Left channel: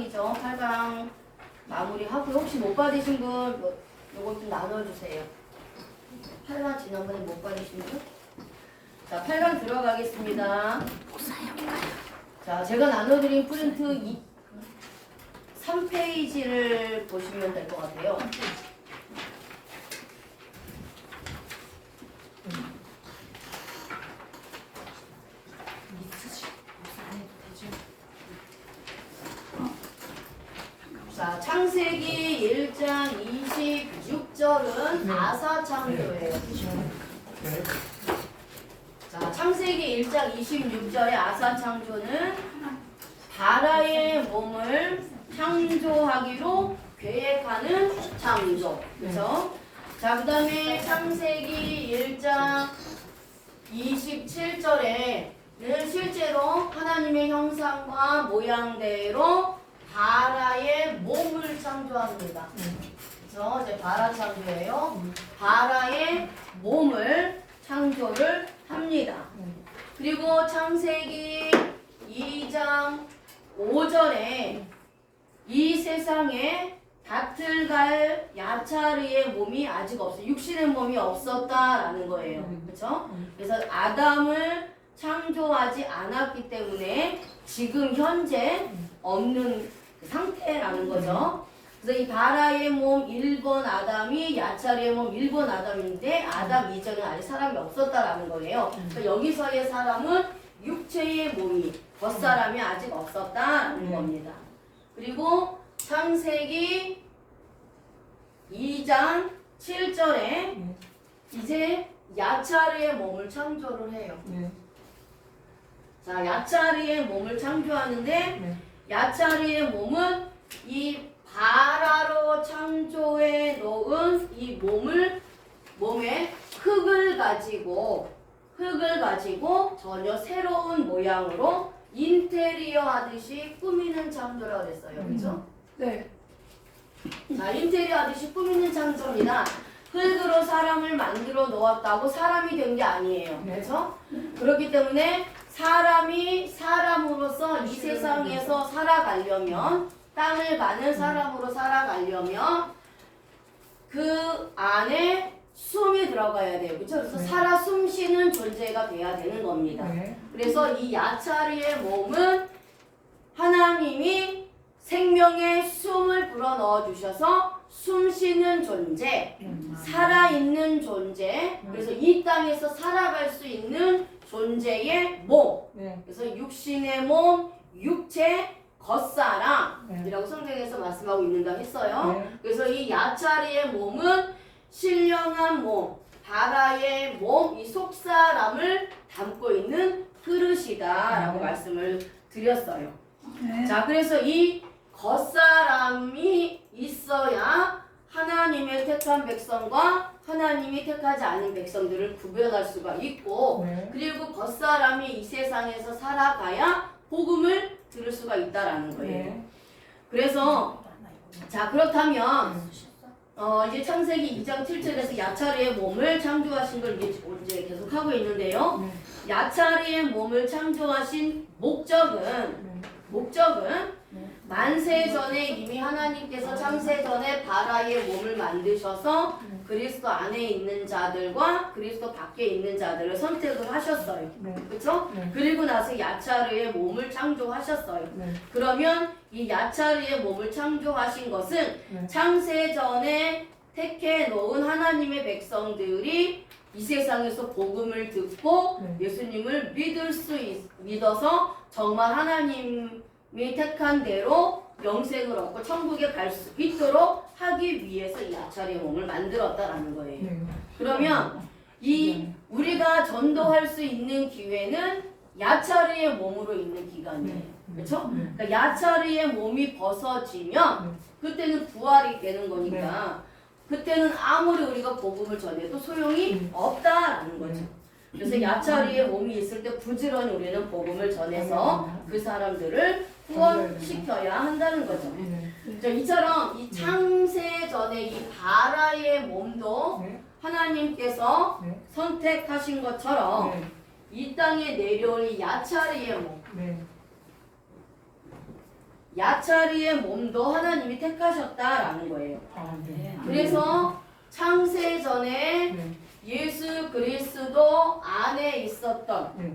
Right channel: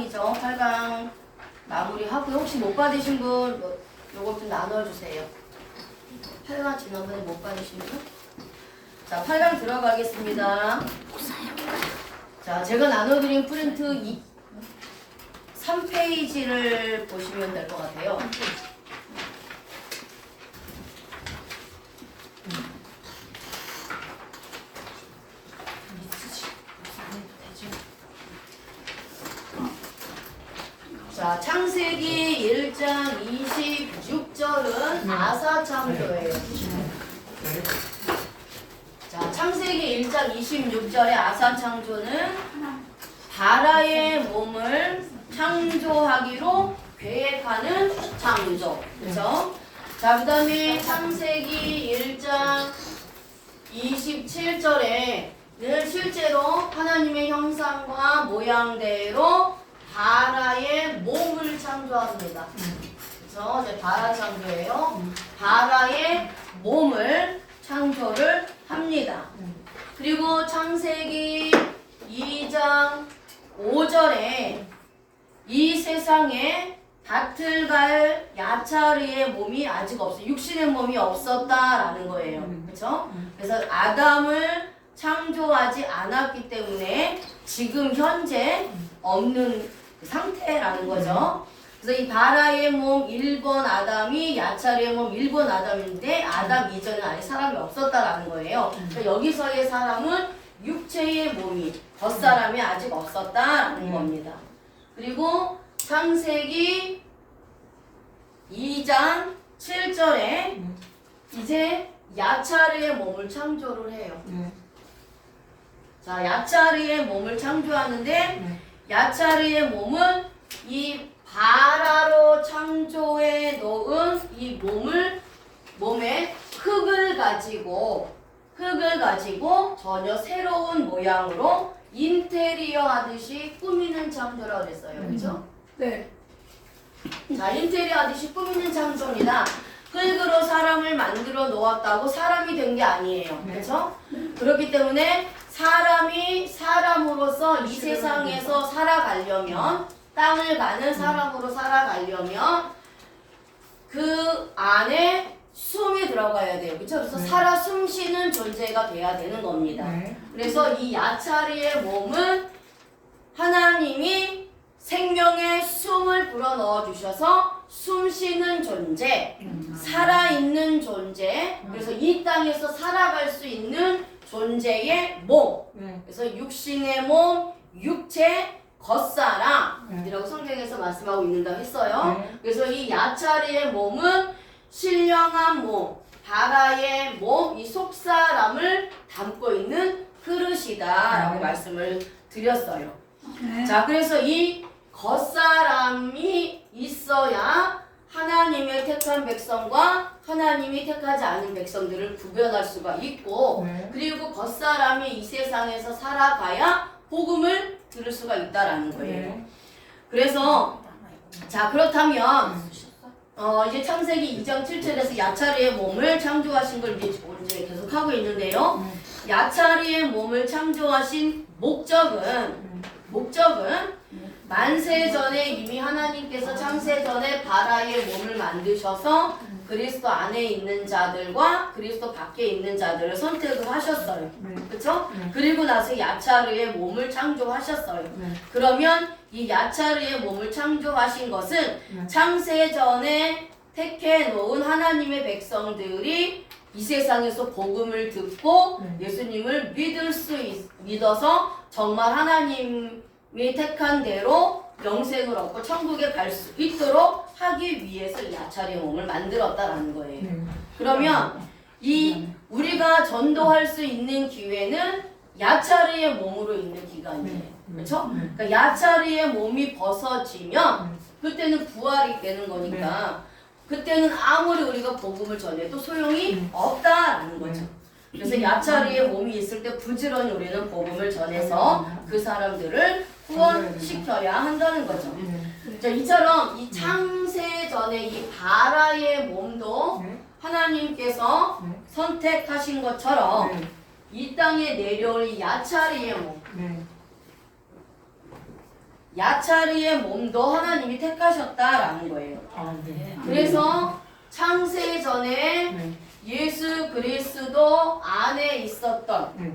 8강이죠. 8강 마무리하고 혹시 못 받으신 분 요것 좀 나눠주세요. 8강 지난번에 못 받으신 분? 자, 8강 들어가겠습니다. 자, 제가 나눠드린 프린트 3페이지를 보시면 될 것 같아요. 자, 창세기 1장 26절은 아사창조예요. 자, 창세기 1장 26절의 아사창조는 바라의 몸을 창조하기로 계획하는 창조. 그렇죠? 자, 그 다음에 창세기 1장 27절에는 실제로 하나님의 형상과 모양대로 바라의 몸을 창조합니다. 그렇죠? 이제 바라 창조예요. 바라의 몸을 창조를 합니다. 그리고 창세기 2장 5절에 이 세상에 밭을 갈 야차르의 몸이 아직 없어요. 육신의 몸이 없었다라는 거예요. 그렇죠? 그래서 아담을 창조하지 않았기 때문에 지금 현재 없는 상태라는 거죠. 그래서 이 바라의 몸 1번 아담이 야차르의 몸 1번 아담인데 아담 이전에 아직 사람이 없었다라는 거예요. 그래서 여기서의 사람은 육체의 몸이 겉사람이 아직 없었다라는 겁니다. 그리고 창세기 2장 7절에 이제 야차르의 몸을 창조를 해요. 자, 야차르의 몸을 창조하는데 야차르의 몸은 이 바라로 창조해 놓은 이 몸에 흙을 가지고 전혀 새로운 모양으로 인테리어 하듯이 꾸미는 창조라고 그랬어요. 그죠? 네. 자, 인테리어 하듯이 꾸미는 창조입니다. 흙으로 사람을 만들어 놓았다고 사람이 된 게 아니에요. 그렇죠? 그렇기 때문에 사람이 사람으로서 이 세상에서 살아가려면 땅을 가는 사람으로 살아가려면 그 안에 숨이 들어가야 돼요. 그렇죠? 그래서 살아 숨쉬는 존재가 돼야 되는 겁니다. 그래서 이 야차르의 몸은 하나님이 생명의 숨을 불어넣어 주셔서 숨쉬는 존재, 살아있는 존재, 그래서 이 땅에서 살아갈 수 있는 존재의 몸. 그래서 육신의 몸, 육체, 겉사람이라고 성경에서 말씀하고 있는다고 했어요. 그래서 이 야차르의 몸은 신령한 몸, 바라의 몸, 이 속사람을 담고 있는 그릇이다라고 말씀을 드렸어요. 자, 그래서 이 겉사람이 있어야 하나님의 택한 백성과 하나님이 택하지 않은 백성들을 구별할 수가 있고, 그리고 겉사람이 이 세상에서 살아가야 복음을 들을 수가 있다라는 거예요. 그래서 자, 그렇다면 이제 창세기 2장 7절에서 야차르의 몸을 창조하신 걸 이제 계속 하고 있는데요. 야차르의 몸을 창조하신 목적은 만세 전에 이미 하나님께서 창세 전에 바라의 몸을 만드셔서 그리스도 안에 있는 자들과 그리스도 밖에 있는 자들을 선택을 하셨어요. 그렇죠? 그리고 나서 야차르의 몸을 창조하셨어요. 그러면 이 야차르의 몸을 창조하신 것은 창세 전에 택해 놓은 하나님의 백성들이 이 세상에서 복음을 듣고 예수님을 믿어서 정말 하나님이 택한 대로 영생을 얻고 천국에 갈 수 있도록 하기 위해서 야차르의 몸을 만들었다라는 거예요. 그러면 이 우리가 전도할 수 있는 기회는 야차르의 몸으로 있는 기간이에요. 그렇죠? 그러니까 야차르의 몸이 벗어지면 그때는 부활이 되는 거니까 그때는 아무리 우리가 복음을 전해도 소용이 없다라는 거죠. 그래서 야차르의 몸이 있을 때 부지런히 우리는 복음을 전해서 그 사람들을 후원시켜야 한다는 거죠. 자, 이처럼 이 창세 전에 이 바라의 몸도 하나님께서 선택하신 것처럼 이 땅에 내려올 이 야차르의 몸, 야차리의 몸도 하나님이 택하셨다라는 거예요. 네. 그래서 창세 전에 네. 예수 그리스도 안에 있었던 네.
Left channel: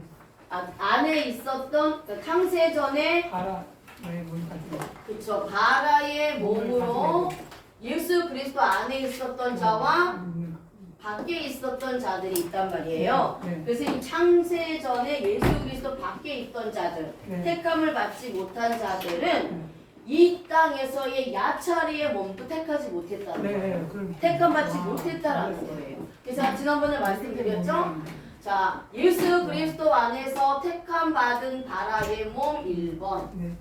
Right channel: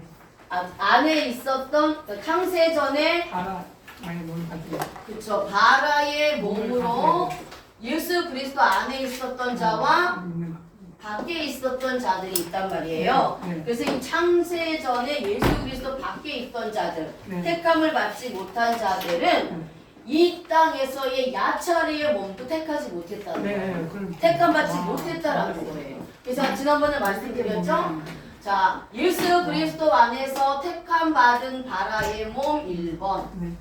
안에 있었던 그러니까 창세 전에 바라 많이 몸 같은 거. 그쵸 바라의 몸으로 예수 그리스도 안에 있었던 자와 있는 거. 밖에 있었던 자들이 있단 말이에요. 네. 그래서 이 창세 전에 예수 그리스도 밖에 있던 자들, 네. 택함을 받지 못한 자들은 이 땅에서의 야차리의 몸도 택하지 못했다는 거예요. 네. 그럼 택함 받지 못했다라는 거예요. 그래서 지난번에 말씀드렸죠? 자, 예수 그리스도 안에서 택함 받은 바라의 몸 1번. 네.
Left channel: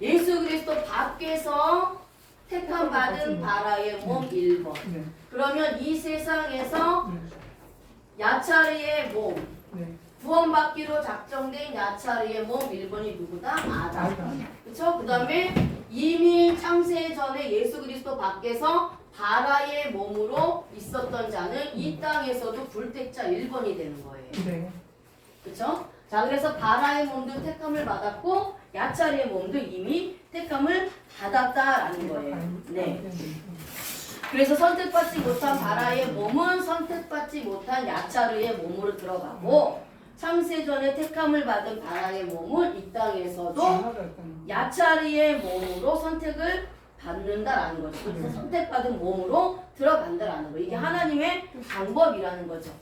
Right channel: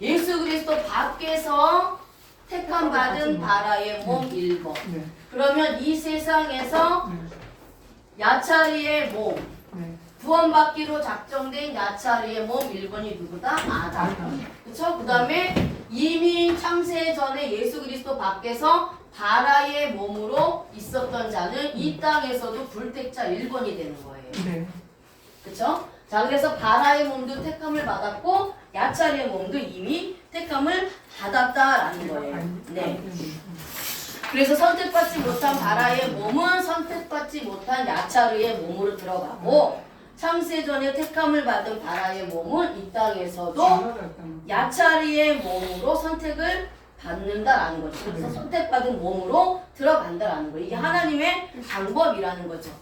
예수 그리스도 밖에서 택함 받은 바라의 몸 1번. 네. 그러면 이 세상에서 네. 야차리의 몸, 네. 구원받기로 작정된 야차리의 몸 1번이 누구다? 아담. 그쵸? 그 다음에 이미 창세 전에 예수 그리스도 밖에서 바라의 몸으로 있었던 자는 이 땅에서도 불택자 1번이 되는 거예요. 네. 그쵸? 자, 그래서 바라의 몸도 택함을 받았고 야차리의 몸도 이미 택함을 받았다라는 거예요. 네. 그래서 선택받지 못한 바라의 몸은 선택받지 못한 야차르의 몸으로 들어가고 창세전에 택함을 받은 바라의 몸은 이 땅에서도 야차르의 몸으로 선택을 받는다라는 거죠. 그래서 선택받은 몸으로 들어간다라는 거예요. 이게 하나님의 방법이라는 거죠.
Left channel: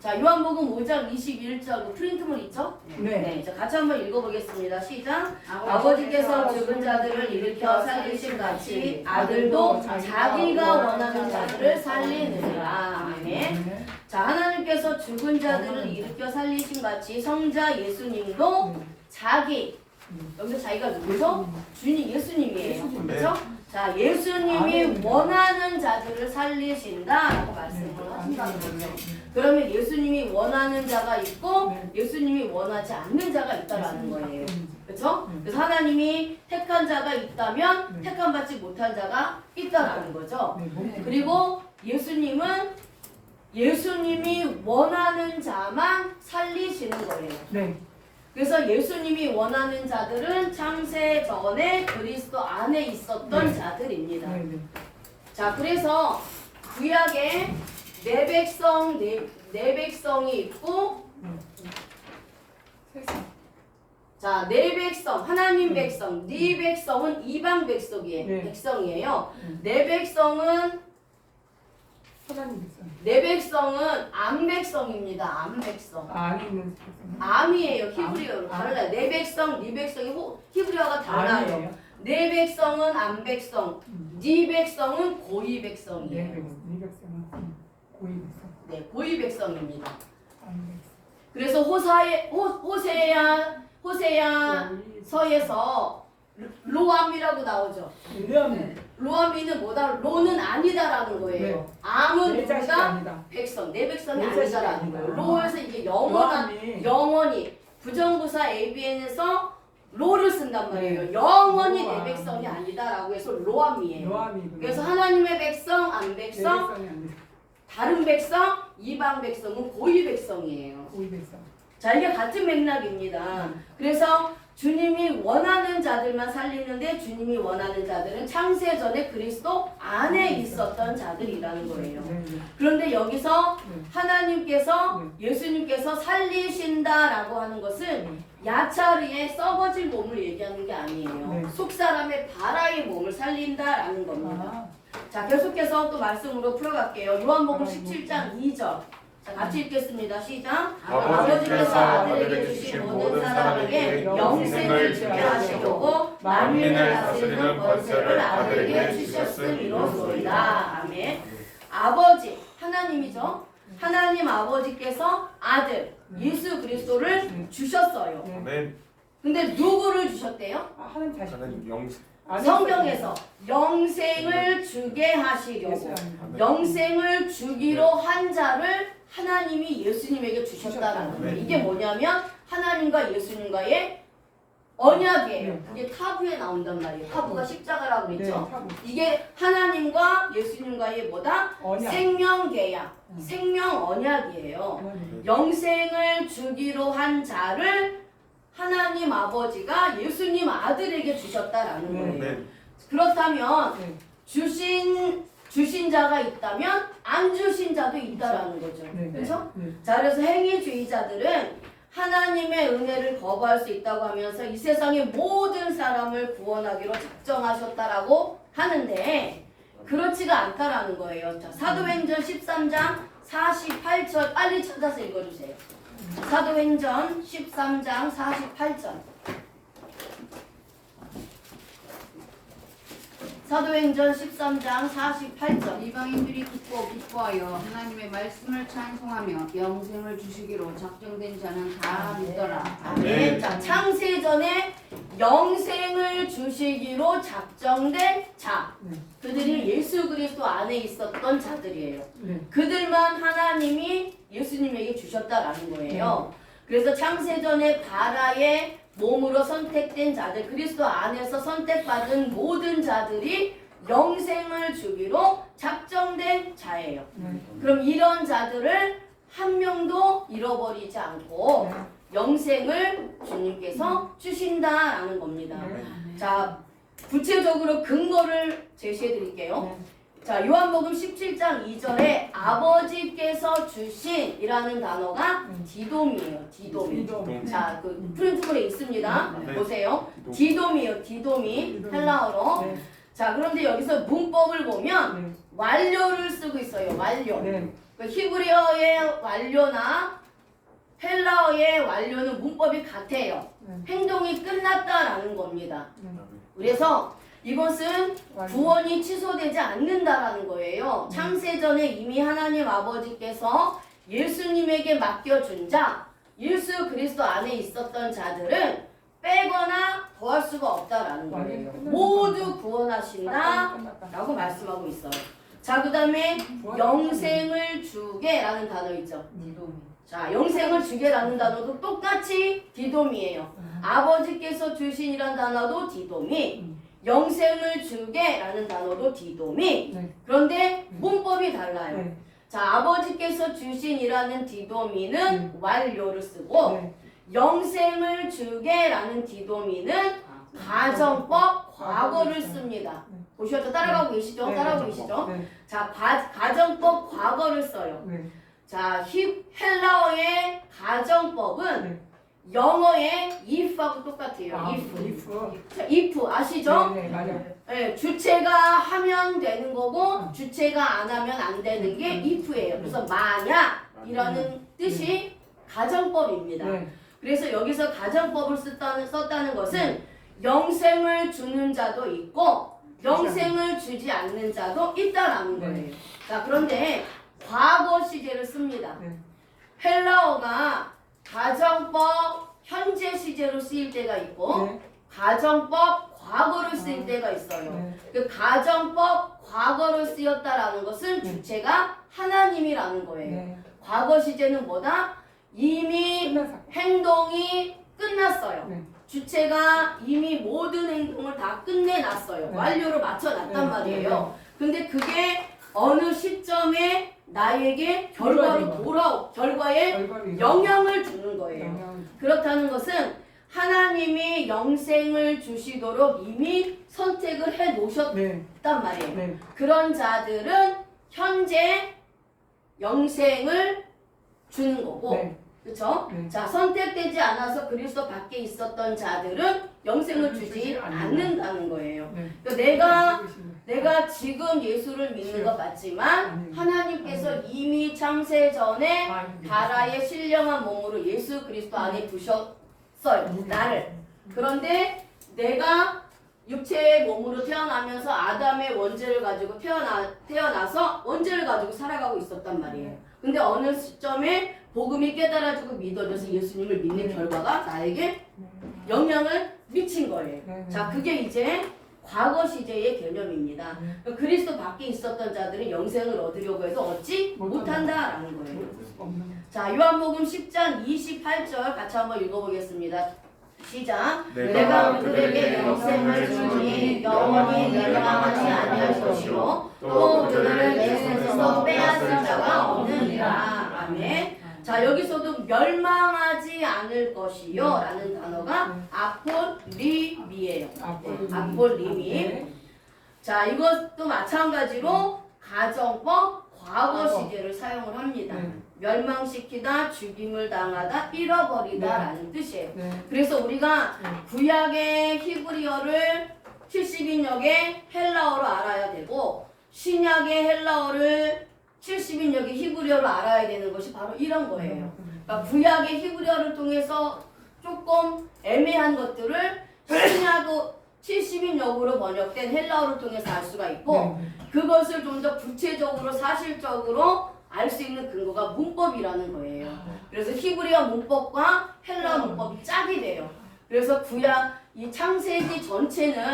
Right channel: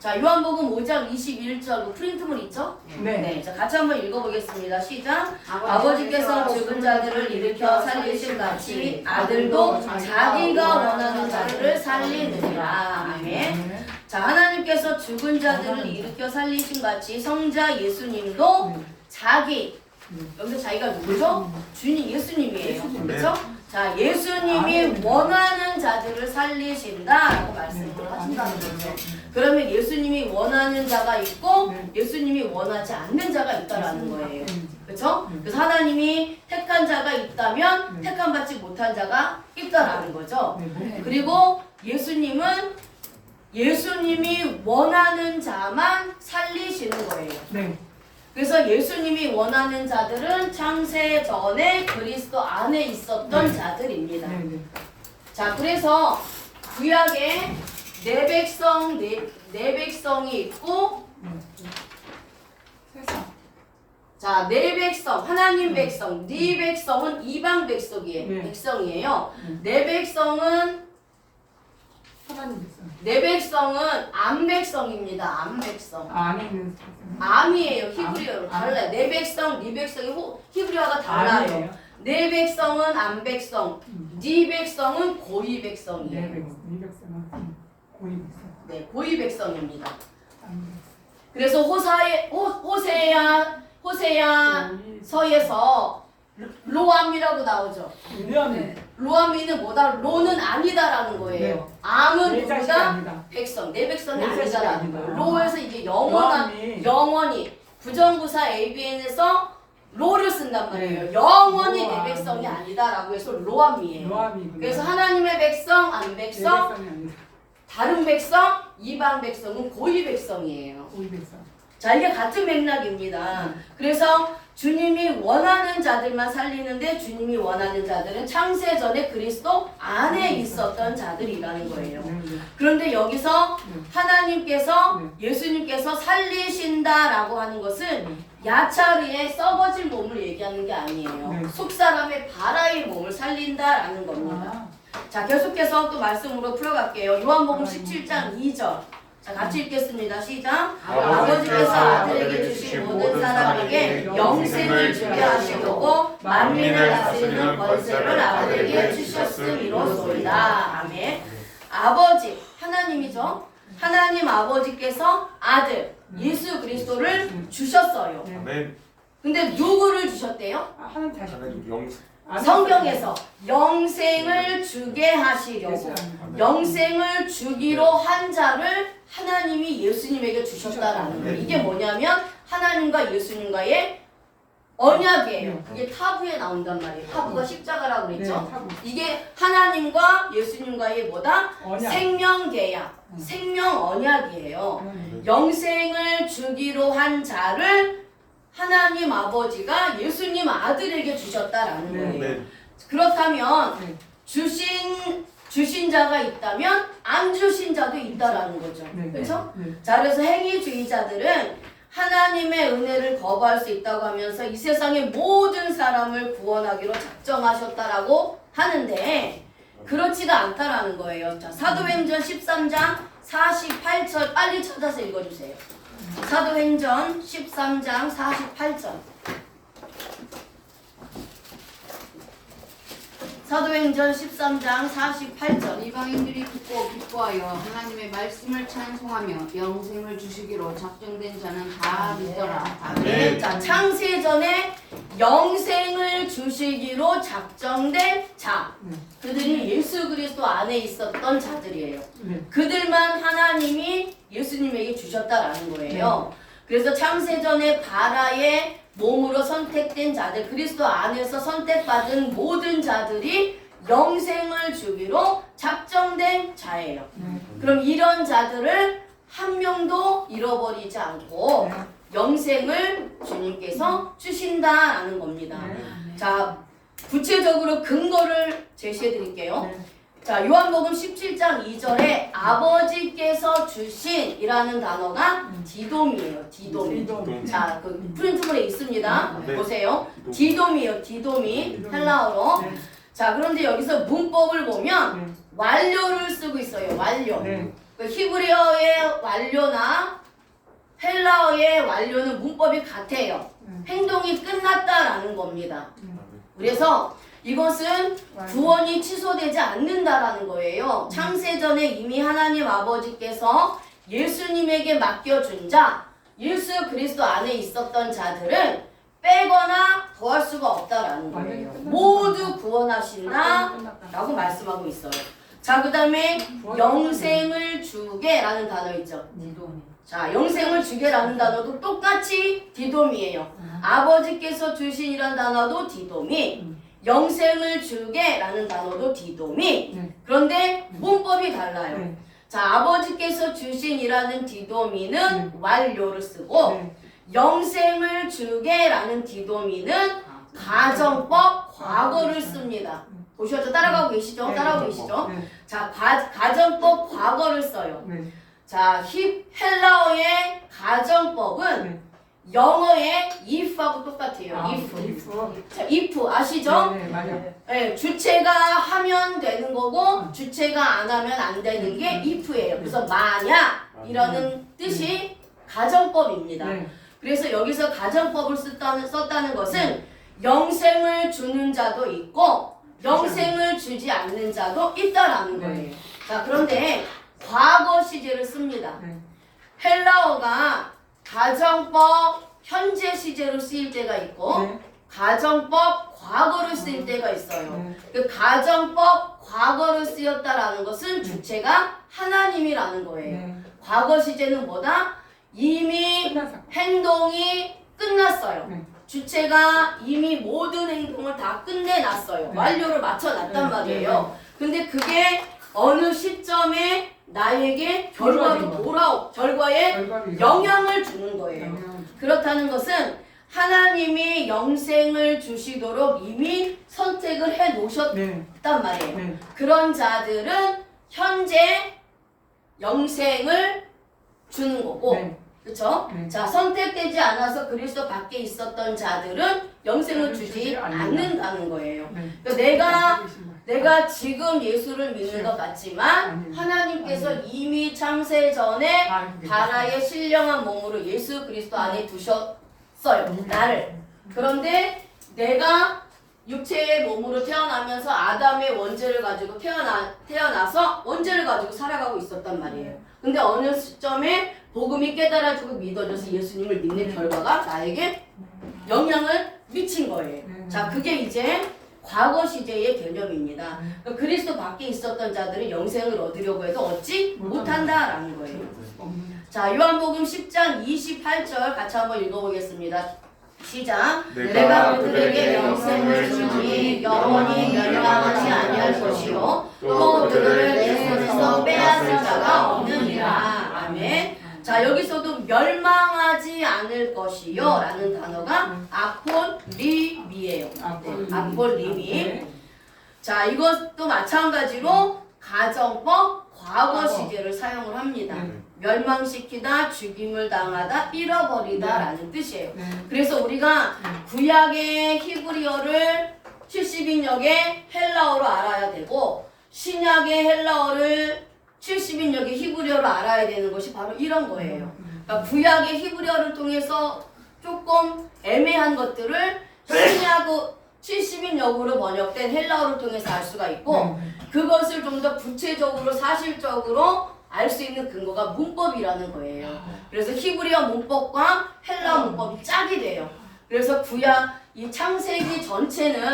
자, 요한복음 5장 21절 프린트물 있죠? 네. 자, 같이 한번 읽어보겠습니다. 시작. 아버지께서 죽은 자들을 일으켜 살리신 같이 아들도 자기가 원하는 자들을 살리느니라. 아멘. 자, 하나님께서 죽은 자들을 일으켜 살리신 같이 성자 예수님도 자기 여기서 자기가 누구죠? 주님 예수님이에요. 그렇죠? 자, 예수님이 원하는 자들을 살리신다라고 말씀을 하신다는 거죠. 그러면 예수님이 원하는 자가 있고 예수님이 원하지 않는 자가 있다라는 거예요. 그렇죠? 그래서 하나님이 택한 자가 있다면 택함 받지 못한 자가 있다라는 거죠. 그리고 예수님은 예수님이 원하는 자만 살리시는 거예요. 그래서 예수님이 원하는 자들은 창세 전에 그리스도 안에 있었던 자들입니다. 자, 그래서 구약에 네 백성이 있고, 자, 네 백성, 하나님 백성, 네 백성은 이방 백성이에요. 네 백성은 네 백성은 암 백성입니다. 암 백성. 암이에요. 히브리어로 달라요. 네 백성, 네 백성이 히브리어가 달라요. 네 백성은 암 백성, 네 백성은 고이 백성이에요. 네, 고이 백성입니다. 그래서 호세아서에서 로암이라고 나오죠. 로암이는 뭐다? 로는 아니다라는 거예요. 암은 누구다? 백성. 내 백성이 아니다라는 거예요. 로에서 이제 영원히 부정부사 ABN에서 로를 쓴단 말이에요. 영원히 내 백성이 아니다라고 해서 로암이에요. 그래서 하나님의 백성, 안 백성, 다른 백성, 이방 백성은 고이 백성이에요. 자, 이게 같은 맥락입니다. 그래서 주님이 원하는 자들만 살리는데 주님이 원하는 자들은 창세 전에 그리스도 안에 있었던 자들이라는 거예요. 그런데 여기서 하나님께서 예수님께서 살리신다라고 하는 것은 야차리의 썩어질 몸을 얘기하는 게 아니에요. 속사람의 바라의 몸을 살린다라는 겁니다. 자, 계속해서 또 말씀으로 풀어갈게요. 요한복음 17장 2절. 자, 같이 읽겠습니다. 시작. 아버지께서 아들에게 주신 모든 사람에게 영생을 주게 하시려고 만민을 다스리는 권세를 아들에게 주셨음이로소이다. 아멘. 아버지, 하나님이죠. 하나님 아버지께서 아들 예수 그리스도를 주셨어요. 근데 누구를 주셨대요? 성경에서 영생을 주게 하시려고 영생을 주기로 한 자를 하나님이 예수님에게 주셨다라는 거예요. 이게 뭐냐면 하나님과 예수님과의 언약이에요. 그게 타부에 나온단 말이에요. 타부가 십자가라고 그랬죠. 이게 하나님과 예수님과의 뭐다? 생명계약, 생명 언약이에요. 영생을 주기로 한 자를 하나님 아버지가 예수님 아들에게 주셨다라는 네. 거예요. 네. 그렇다면 네. 주신 자가 있다면 안 주신 자도 있다라는 거죠. 네. 그렇죠? 네. 자, 그래서 행위주의자들은 하나님의 은혜를 거부할 수 있다고 하면서 이 세상의 모든 사람을 구원하기로 작정하셨다라고 하는데 그렇지가 않다라는 거예요. 자, 사도행전 13장 48절 빨리 찾아서 읽어주세요. 사도행전 13장 48절. 사도행전 13장 48절. 이방인들이 듣고 기뻐하여 하나님의 말씀을 찬송하며 영생을 주시기로 작정된 자는 다 믿더라. 아멘. 자, 창세전에 영생을 주시기로 작정된 자. 네. 그들이 예수 그리스도 안에 있었던 자들이에요. 네. 그들만 하나님이 예수님에게 주셨다라는 거예요. 그래서 창세전에 바라의 몸으로 선택된 자들, 그리스도 안에서 선택받은 모든 자들이 영생을 주기로 작정된 자예요. 네. 그럼 이런 자들을 한 명도 잃어버리지 않고 네. 영생을 주님께서 주신다라는 겁니다. 네. 자, 구체적으로 근거를 제시해 드릴게요. 네. 자, 요한복음 17장 2절에 아버지께서 주신이라는 단어가 디돔이에요. 디돔이. 디돔. 자, 그 프린트물에 있습니다. 네. 보세요. 디돔이에요. 디돔이 헬라어로. 네. 자, 그런데 여기서 문법을 보면 네. 완료를 쓰고 있어요. 완료. 네. 그 히브리어의 완료나 헬라어의 완료는 문법이 같아요. 행동이 끝났다라는 겁니다. 그래서 이것은 구원이 취소되지 않는다라는 거예요. 창세전에 이미 하나님 아버지께서 예수님에게 맡겨준 자, 예수 그리스도 안에 있었던 자들은 빼거나 더할 수가 없다라는 거예요. 모두 구원하신다 라고 말씀하고 있어요. 자, 그 다음에 영생을 주게라는 단어 있죠. 자, 영생을 주게라는 단어도 똑같이 디돔이에요. 아버지께서 주신이라는 단어도 디돔이, 영생을 주게라는 단어도 디돔이. 네. 그런데 문법이 달라요. 네. 자, 아버지께서 주신이라는 디도미는 완료를 쓰고 네. 영생을 주게라는 디도미는 가정법 과거를 씁니다. 보셨죠? 따라가고 계시죠? 네. 따라가고 계시죠? 네. 자, 가정법 과거를 써요. 네. 자, 헬라어의 가정법은 네. 영어의 if하고 똑같아요. 아, if. if. 자, if 아시죠? 네, 네, 맞아요. 네, 주체가 하면 되는 거고 주체가 안 하면 안 되는 게 if예요. 그래서 만약이라는 뜻이 가정법입니다. 네. 그래서 여기서 가정법을 썼다는 것은 영생을 주는 자도 있고 영생을 주지 않는 자도 있다라는 거예요. 자, 그런데 과거 시제를 씁니다. 네. 헬라어가 가정법 현재 시제로 쓰일 때가 있고 네. 가정법 과거로 쓰일 때가 있어요. 네. 그 가정법 과거로 쓰였다라는 것은 주체가 하나님이라는 거예요. 네. 과거 시제는 뭐다? 이미 끝난 사건. 행동이 끝났어요. 네. 주체가 이미 모든 행동을 다 끝내놨어요. 네. 완료를 맞춰놨단 네. 말이에요. 근데 그게 어느 시점에 나에게 결과에 결과를 영향을 주는 거예요. 영향을 그렇다는 것은 하나님이 영생을 주시도록 이미 선택을 해 놓으셨단 네. 말이에요. 네. 그런 자들은 현재 영생을 주는 거고, 네. 그렇죠? 네. 자, 선택되지 않아서 그리스도 밖에 있었던 자들은 영생을 주지 않는다는 거예요. 네. 그러니까 내가 지금 예수를 믿는 것 같지만 아니에요. 하나님께서 아니에요. 이미 창세 전에 아, 바라의 신령한 몸으로 예수 그리스도 안에 두셨어요. 나를. 그런데 내가 육체의 몸으로 태어나면서 아담의 원죄를 가지고 태어나서 원죄를 가지고 살아가고 있었단 말이에요. 근데 어느 시점에 복음이 깨달아지고 믿어져서 예수님을 믿는 결과가 나에게 영향을 미친 거예요. 자, 그게 이제 과거 시제의 개념입니다. 그러니까 그리스도 밖에 있었던 자들은 영생을 얻으려고 해도 얻지 못한다라는 거예요. 자, 요한복음 10장 28절 같이 한번 읽어보겠습니다. 시작. 내가 그들에게 영생을 주니 영원히 멸망하지 아니할 것이요 또 그들을 내 손에서 빼앗을 자가 없느니라. 아멘. 자, 여기서도 멸망하지 않을 않을 것이요 라는 단어가 아폴리미예요. 아폴리미. 자, 이것도 마찬가지로 가정법 과거 시제를 사용을 합니다. 멸망시키다, 죽임을 당하다, 잃어버리다 라는 뜻이에요. 그래서 우리가 구약의 히브리어를 70인역의 헬라어로 알아야 되고 신약의 헬라어를 70인역의 히브리어로 알아야 되는 것이 바로 이런 거예요. 그러니까 구약의 히브리어를 통해서 조금 애매한 것들을 신약 70인역으로 번역된 헬라어를 통해서 알 수가 있고 그것을 좀 더 구체적으로 사실적으로 알 수 있는 근거가 문법이라는 거예요. 그래서 히브리어 문법과 헬라어 문법이 짝이 돼요. 그래서 구약 이 창세기 전체는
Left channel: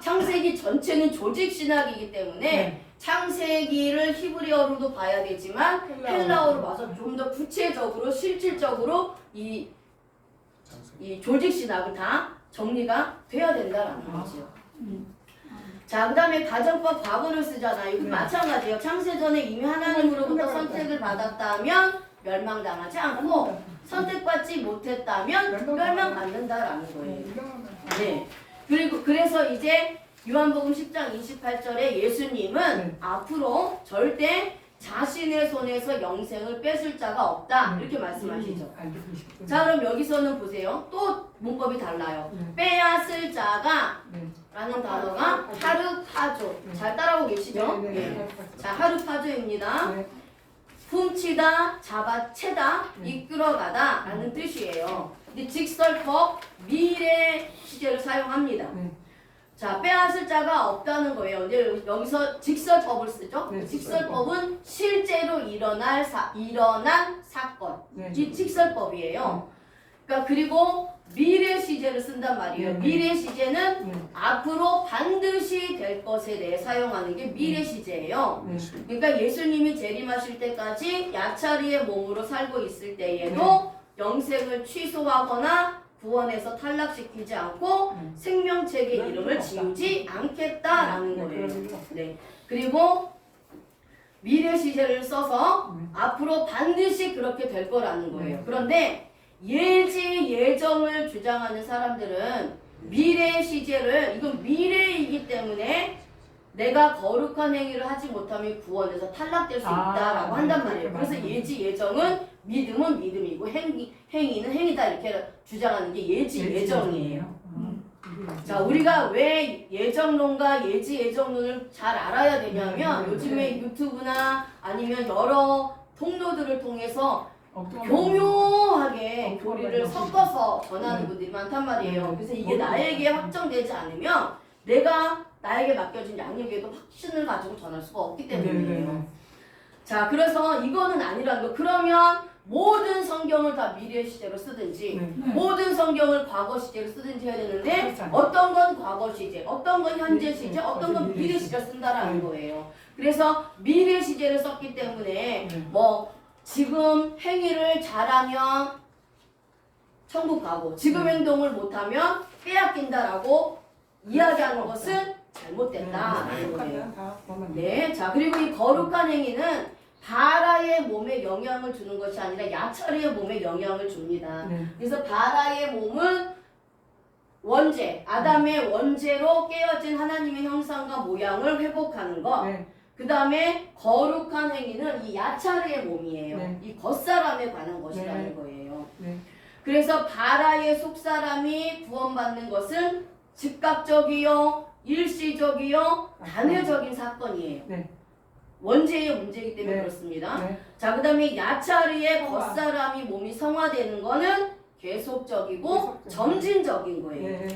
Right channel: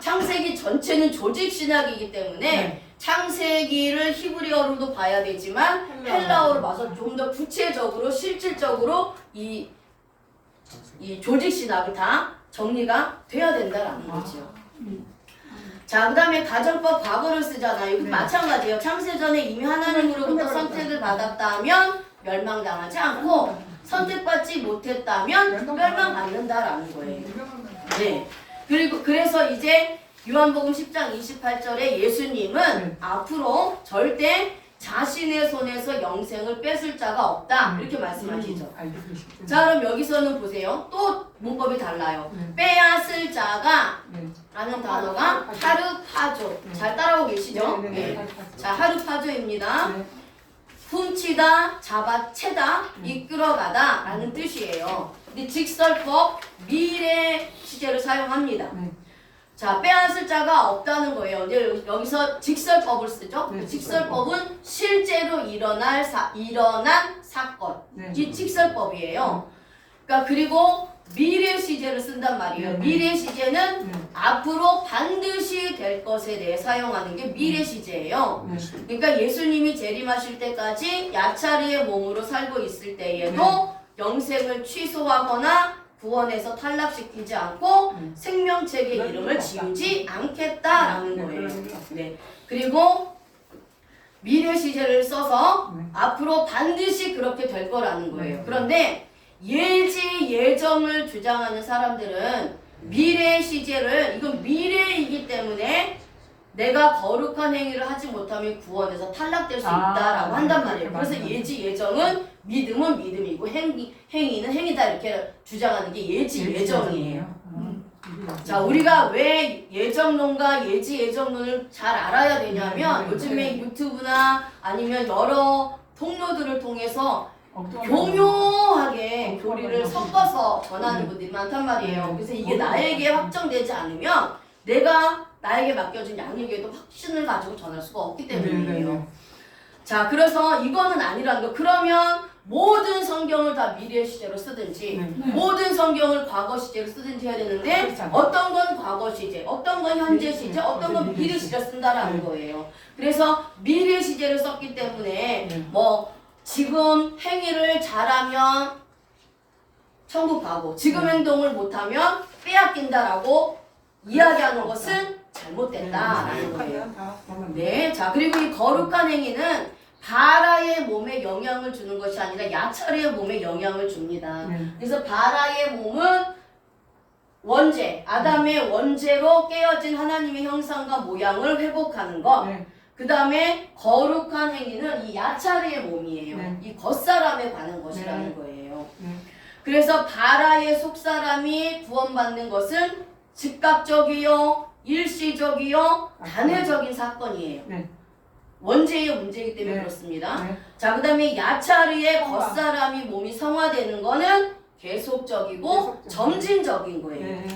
창세기 전체는 조직 신학이기 때문에 창세기를 히브리어로도 봐야 되지만 헬라어로 봐서 좀 더 구체적으로 실질적으로 이 조직 신학이 다 정리가 돼야 된다라는 거지요. 자, 그 다음에 가정법 과거를 쓰잖아요. 이것도 마찬가지예요. 창세전에 이미 하나님으로부터 선택을 받았다면 멸망당하지 않고 선택받지 못했다면 멸망받는다라는 거예요. 네. 그리고 그래서 이제 요한복음 10장 28절에 예수님은 앞으로 절대 자신의 손에서 영생을 뺏을 자가 없다 이렇게 말씀하시죠. 자, 그럼 여기서는 보세요. 또 문법이 달라요. 빼앗을 자가 라는 단어가 하르파조. 잘 따라오고 계시죠? 네. 자, 하르파조입니다. 훔치다, 잡아채다, 이끌어가다 라는 뜻이에요. 근데 직설법 미래 시제를 사용합니다. 자, 빼앗을 자가 없다는 거예요. 이제 여기서 직설법을 쓰죠. 직설법은 실제로 일어난 사건. 이 직설법이에요. 그러니까 그리고 미래 시제를 쓴단 말이에요. 미래 시제는 앞으로 반드시 될 것에 대해 사용하는 게 미래 시제예요. 그러니까 예수님이 재림하실 때까지 야차리의 몸으로 살고 있을 때에도 영생을 취소하거나 구원에서 탈락시키지 않고 생명책의 이름을 지우지 않겠다라는 거예요. 네. 그리고 미래 시제를 써서 앞으로 반드시 그렇게 될 거라는 거예요. 그런데 예지 예정을 주장하는 사람들은 미래 시제를 이건 미래이기 때문에 내가 거룩한 행위를 하지 못하면 구원에서 탈락될 수 있다라고 한단 말이에요. 그래서 예지 예정은 믿음은 믿음이고 행위는 행위다 이렇게 주장하는 게 예지 예정이에요. 자, 우리가 왜 예정론과 예지 예정론을 잘 알아야 되냐면 요즘에 유튜브나 아니면 여러 통로들을 통해서 교묘하게 교리를 섞어서 전하는 분들이 많단 말이에요. 그래서 이게 나에게 확정되지 않으면 나에게 맡겨진 양육에도 확신을 가지고 전할 수가 없기 때문이에요. 자, 그래서 이거는 아니라는 거. 그러면 모든 성경을 다 미래 시제로 쓰든지 모든 성경을 과거 시제로 쓰든지 해야 되는데 어떤 건 과거 시제, 어떤 건 현재 시제, 어떤 건 미래 시제를 쓴다라는 거예요. 그래서 미래 시제를 썼기 때문에 뭐 지금 행위를 잘하면 천국 가고 지금 행동을 못하면 빼앗긴다라고 이야기하는 것은 잘못됐다라는 거예요. 네, 자, 그리고 이 거룩한 행위는 바라의 몸에 영향을 주는 것이 아니라 야차리의 몸에 영향을 줍니다. 그래서 바라의 몸은 원죄, 아담의 원죄로 깨어진 하나님의 형상과 모양을 회복하는 것. 그 다음에 거룩한 행위는 이 야차리의 몸이에요. 이 겉사람에 관한 것이라는 거예요. 그래서 바라의 속사람이 구원받는 것은 즉각적이요, 일시적이요, 단회적인 사건이에요. 원죄의 문제이기 때문에 그렇습니다. 자, 그 다음에 야차리의 겉사람이 몸이 성화되는 거는 계속적이고 점진적인 거예요.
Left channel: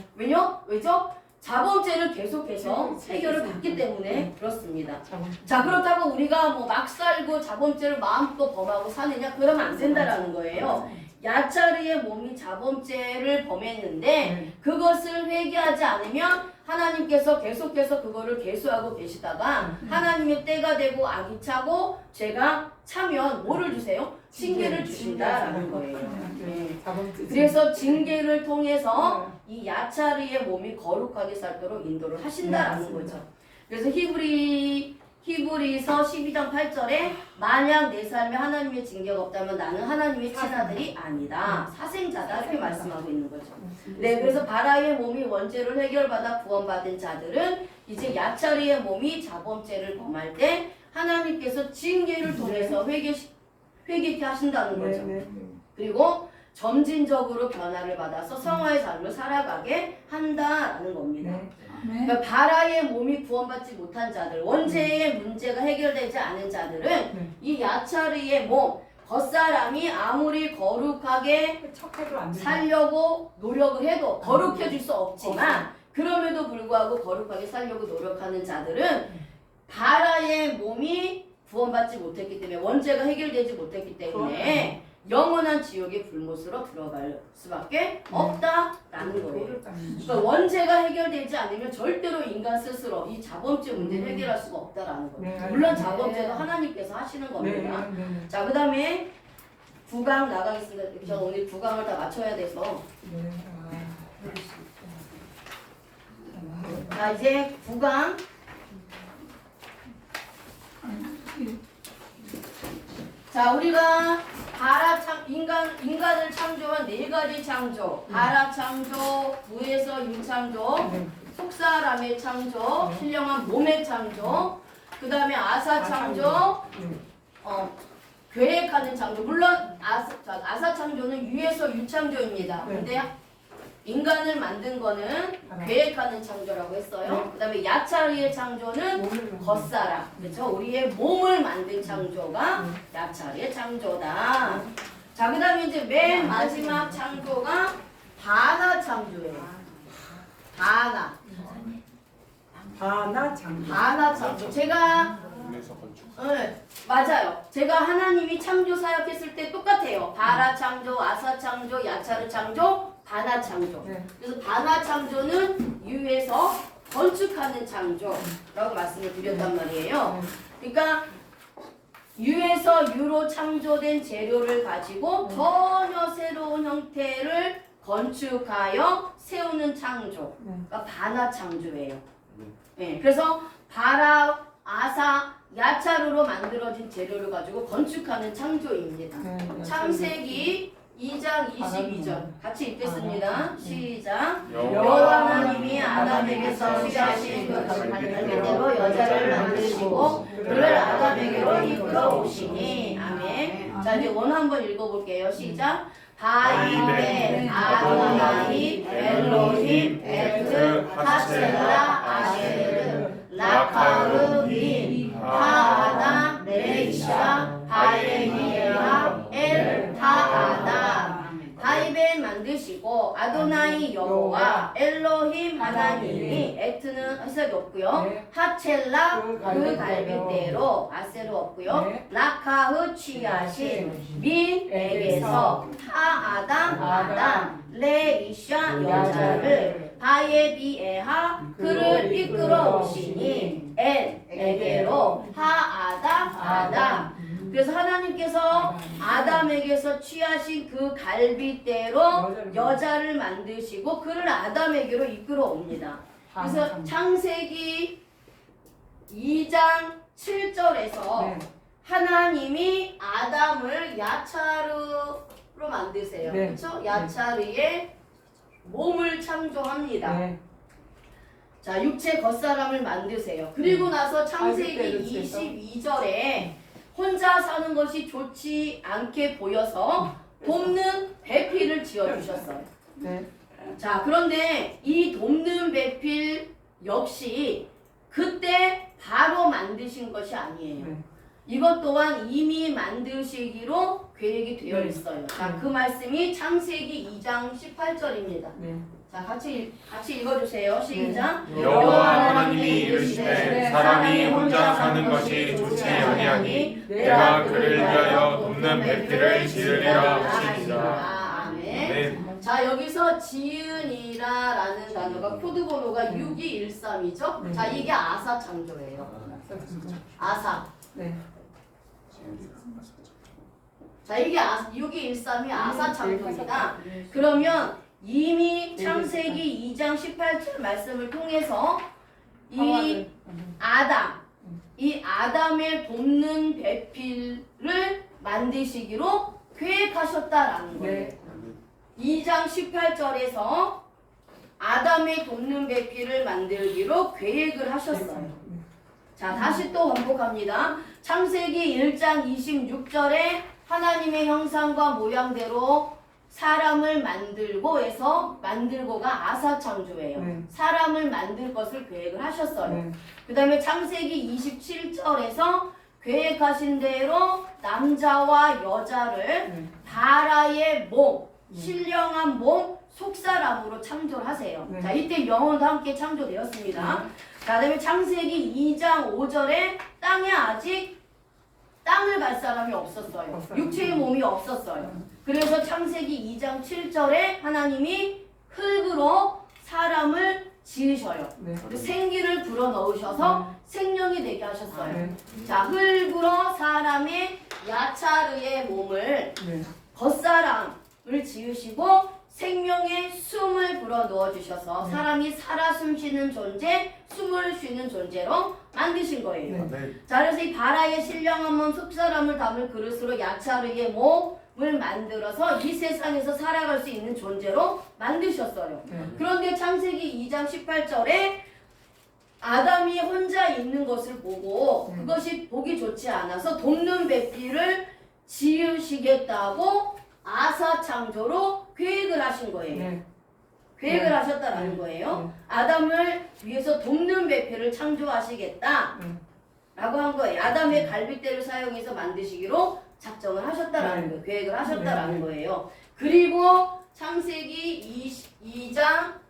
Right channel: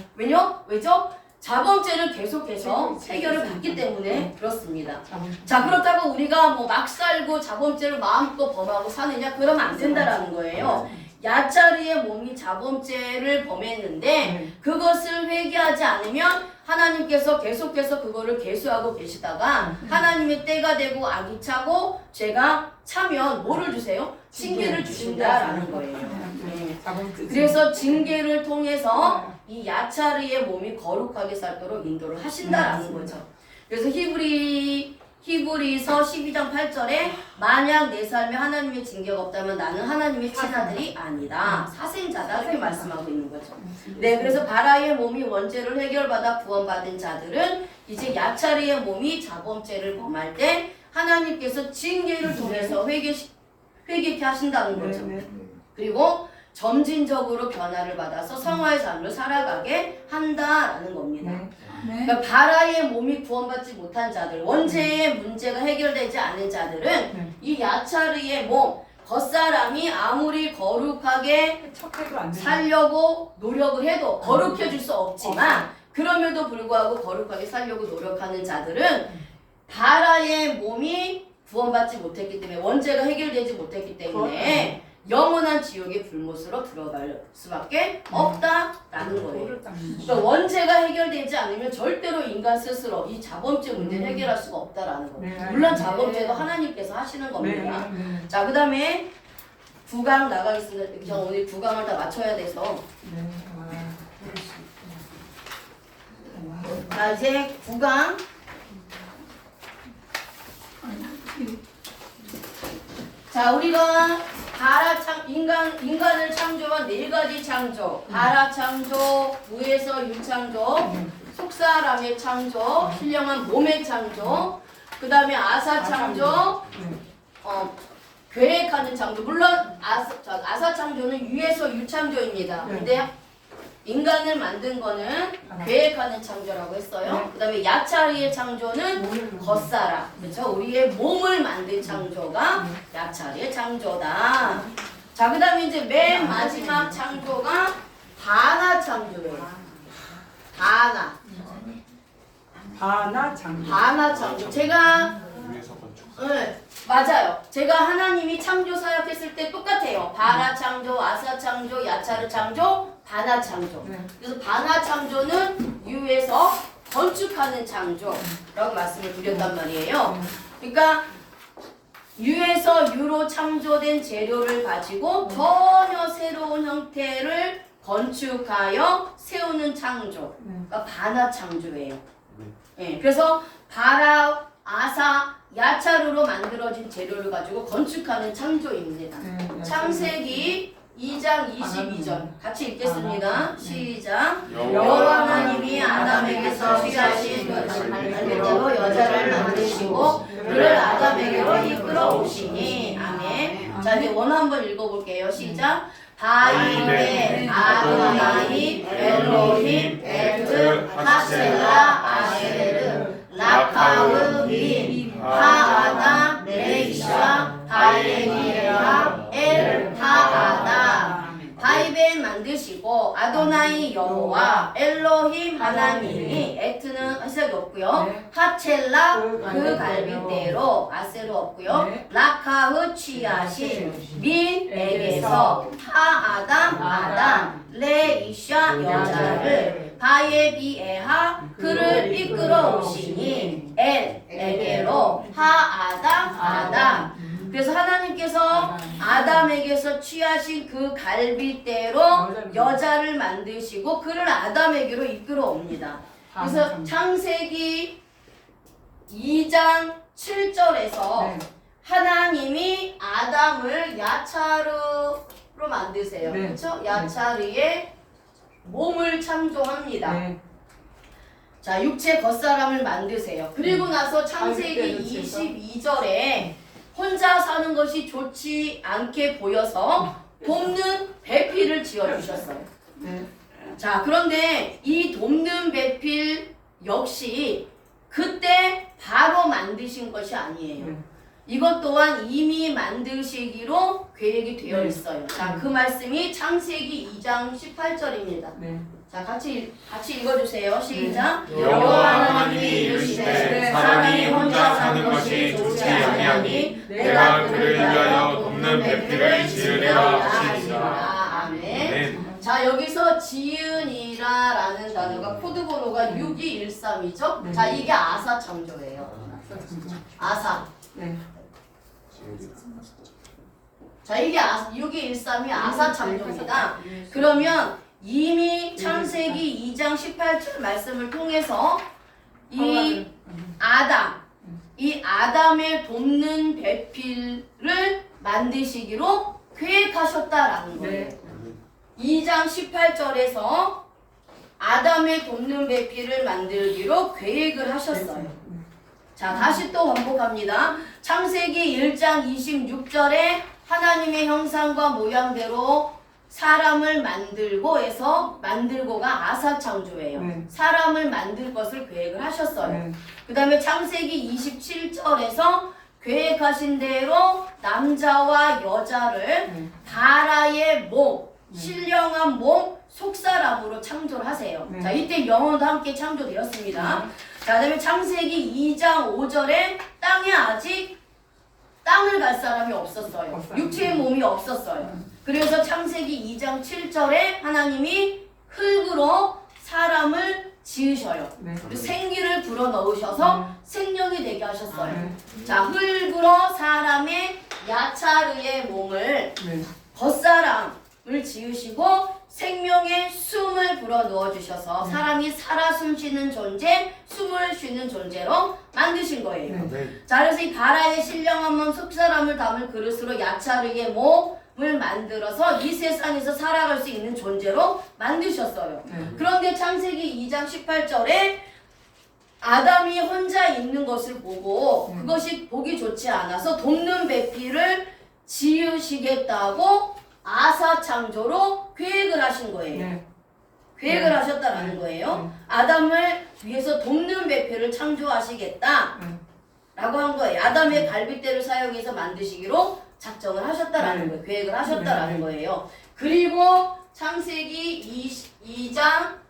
왜죠? 자범죄를 계속해서 해결을 받기 때문에 그렇습니다. 자, 그렇다고 우리가 뭐 막 살고 자범죄를 마음껏 범하고 사느냐? 그러면 안 된다라는 거예요. 야차리의 몸이 자범죄를 범했는데 그것을 회개하지 않으면 하나님께서 계속해서 그거를 계수하고 계시다가 하나님의 때가 되고 악이 차고 죄가 차면 뭐를 주세요? 징계를 주신다라는 거예요. 네. 그래서 징계를 통해서 이 야차리의 몸이 거룩하게 살도록 인도를 하신다라는 거죠. 그래서 히브리서 12장 8절에 만약 내 삶에 하나님의 징계가 없다면 나는 하나님의 친아들이 아니다. 사생자다 이렇게 말씀하고 있는 거죠. 네, 그래서 바라의 몸이 원죄를 해결받아 구원받은 자들은 이제 야차르의 몸이 자범죄를 범할 때 하나님께서 징계를 통해서 회개케 하신다는 거죠. 그리고 점진적으로 변화를 받아서 성화의 삶을 살아가게 한다라는 겁니다. 그러니까 바라의 몸이 구원받지 못한 자들, 원죄의 문제가 해결되지 않은 자들은 이 야차르의 몸, 겉사람이 아무리 거룩하게 살려고 노력을 해도 거룩해질 수 없지만 그럼에도 불구하고 거룩하게 살려고 노력하는 자들은 바라의 몸이 구원받지 못했기 때문에 원죄가 해결되지 못했기 때문에 영원한 지옥의 불못으로 들어갈 수밖에 없다라는 거예요. 그러니까 원죄가 해결되지 않으면 절대로 인간 스스로 이 자범죄 문제를 해결할 수가 없다라는 거예요. 물론 자범죄도 하나님께서 하시는 겁니다. 자, 그 다음에 9강 나가겠습니다. 저 오늘 9강을 다 맞춰야 돼서. 자, 이제 9강. 자, 우리가 인간을 창조한 4가지 창조. 바라 창조, 무에서 유창조, 속사람의 창조, 신령한 몸의 창조, 그 다음에 아사 창조, 계획하는 창조. 물론 아사 창조는 유에서 유창조입니다. 근데 인간을 만든 거는 계획하는 창조라고 했어요. 그 다음에 야차르의 창조는 겉사람, 그렇죠? 우리의 몸을 만든 창조가 야차르의 창조다. 자, 그 다음에 이제 맨 마지막 창조가 바나 창조예요. 바나 창조. 제가 맞아요. 제가 하나님이 창조 사역했을 때 똑같아요. 바라 창조, 아사 창조, 야차르 창조, 바나 창조. 그래서 바나 창조는 유에서 건축하는 창조라고 말씀을 드렸단 말이에요. 그러니까 유에서 유로 창조된 재료를 가지고 전혀 새로운 형태를 건축하여 세우는 창조. 그러니까 바나 창조예요. 네, 그래서 바라, 아사, 야차르로 만들어진 재료를 가지고 건축하는 창조입니다. 창세기 2장 22절 같이 읽겠습니다. 시작. 여호와 하나님이 아담에게서 취하신 그 갈대로 여자를 만드시고 그를 아담에게로 이끌어 오시니. 아멘. 자, 이제 원 한번 읽어볼게요. 시작. 바이벤 아도나이 엘로힘 에트 하셀라 아쉐르 라카흐 민 하아다 레이샤 바이벤이라 엘 하아다. 바이벤 만드시고 아도나이 여호와 엘로힘 하나님이 에트는 해석이 없고요. 하첼라 그 갈빗대로 아세로 없고요. 라카흐 취하신 민에게서 하아담 레이샤 여자를 바예비에하 그를 이끌어 오시니 엘에게로 하아담. 그래서 하나님께서 아담에게서 취하신 그 갈빗대로 여자를 만드시고 그를 아담에게로 이끌어 옵니다. 그래서 창세기 2장 7절에서 하나님이 아담을 야차르로 만드세요. 그렇죠? 야차르의 몸을 창조합니다. 자, 육체 겉사람을 만드세요. 그리고 나서 창세기 22절에 혼자 사는 것이 좋지 않게 보여서 돕는 배필을 지어주셨어요. 자, 그런데 이 돕는 배필 역시 그때 바로 만드신 것이 아니에요. 이것 또한 이미 만드시기로 계획이 되어 있어요. 자, 그 말씀이 창세기 2장 18절입니다. 자, 같이 읽어주세요. 시작. 여호와 하나님이 이르시되 사람이 혼자 사는 것이 좋지 아니하니 내가 그를 위하여 돕는 배필을 지으리라 하시니라. 아멘. 자, 여기서 지은이라라는 단어가 코드번호가 6213이죠. 자, 이게 아사 창조예요. 아사. 자, 이게 6213이 아사 창조입니다. 그러면 이미 창세기 2장 18절 말씀을 통해서 이 아담, 이 아담의 돕는 배필을 만드시기로 계획하셨다라는 거예요. 네. 2장 18절에서 아담의 돕는 배필을 만들기로 계획을 하셨어요. 자, 다시 또 반복합니다. 창세기 1장 26절에 하나님의 형상과 모양대로 사람을 만들고 해서 만들고가 아사창조예요. 네. 사람을 만들 것을 계획을 하셨어요. 네. 그 다음에 창세기 27절에서 계획하신 대로 남자와 여자를 네. 바라의 몸, 네. 신령한 몸, 속사람으로 창조를 하세요. 네. 자, 이때 영혼도 함께 창조되었습니다. 자, 그 다음에 창세기 2장 5절에 땅에 아직 땅을 갈 사람이 없었어요. 없어요. 육체의 몸이 없었어요. 그래서 창세기 2장 7절에 하나님이 흙으로 사람을 지으셔요. 네. 그리고 생기를 불어넣으셔서 생명이 되게 하셨어요. 네. 자, 흙으로 사람의 야차르의 몸을 네. 겉사람을 지으시고 생명의 숨을 불어넣어 주셔서 사람이 살아 숨쉬는 존재, 숨을 쉬는 존재로 만드신 거예요. 네. 자, 그래서 이 바라의 신령한 몸 속사람을 담을 그릇으로 야차르의 몸을 만들어서 이 세상에서 살아갈 수 있는 존재로 만드셨어요. 네. 그런데 창세기 2장 18절에 아담이 혼자 있는 것을 보고 그것이 보기 좋지 않아서 돕는 배필을 지으시겠다고 아사창조로 계획을 하신 거예요. 네. 계획을 네. 하셨다라는 거예요. 네. 아담을 위해서 돕는 배필을 창조하시겠다 네. 라고 한 거예요. 아담의 갈빗대를 사용해서 만드시기로 작정을 하셨다라는 네. 거예요. 계획을 하셨다라는 네. 거예요. 그리고 창세기 22장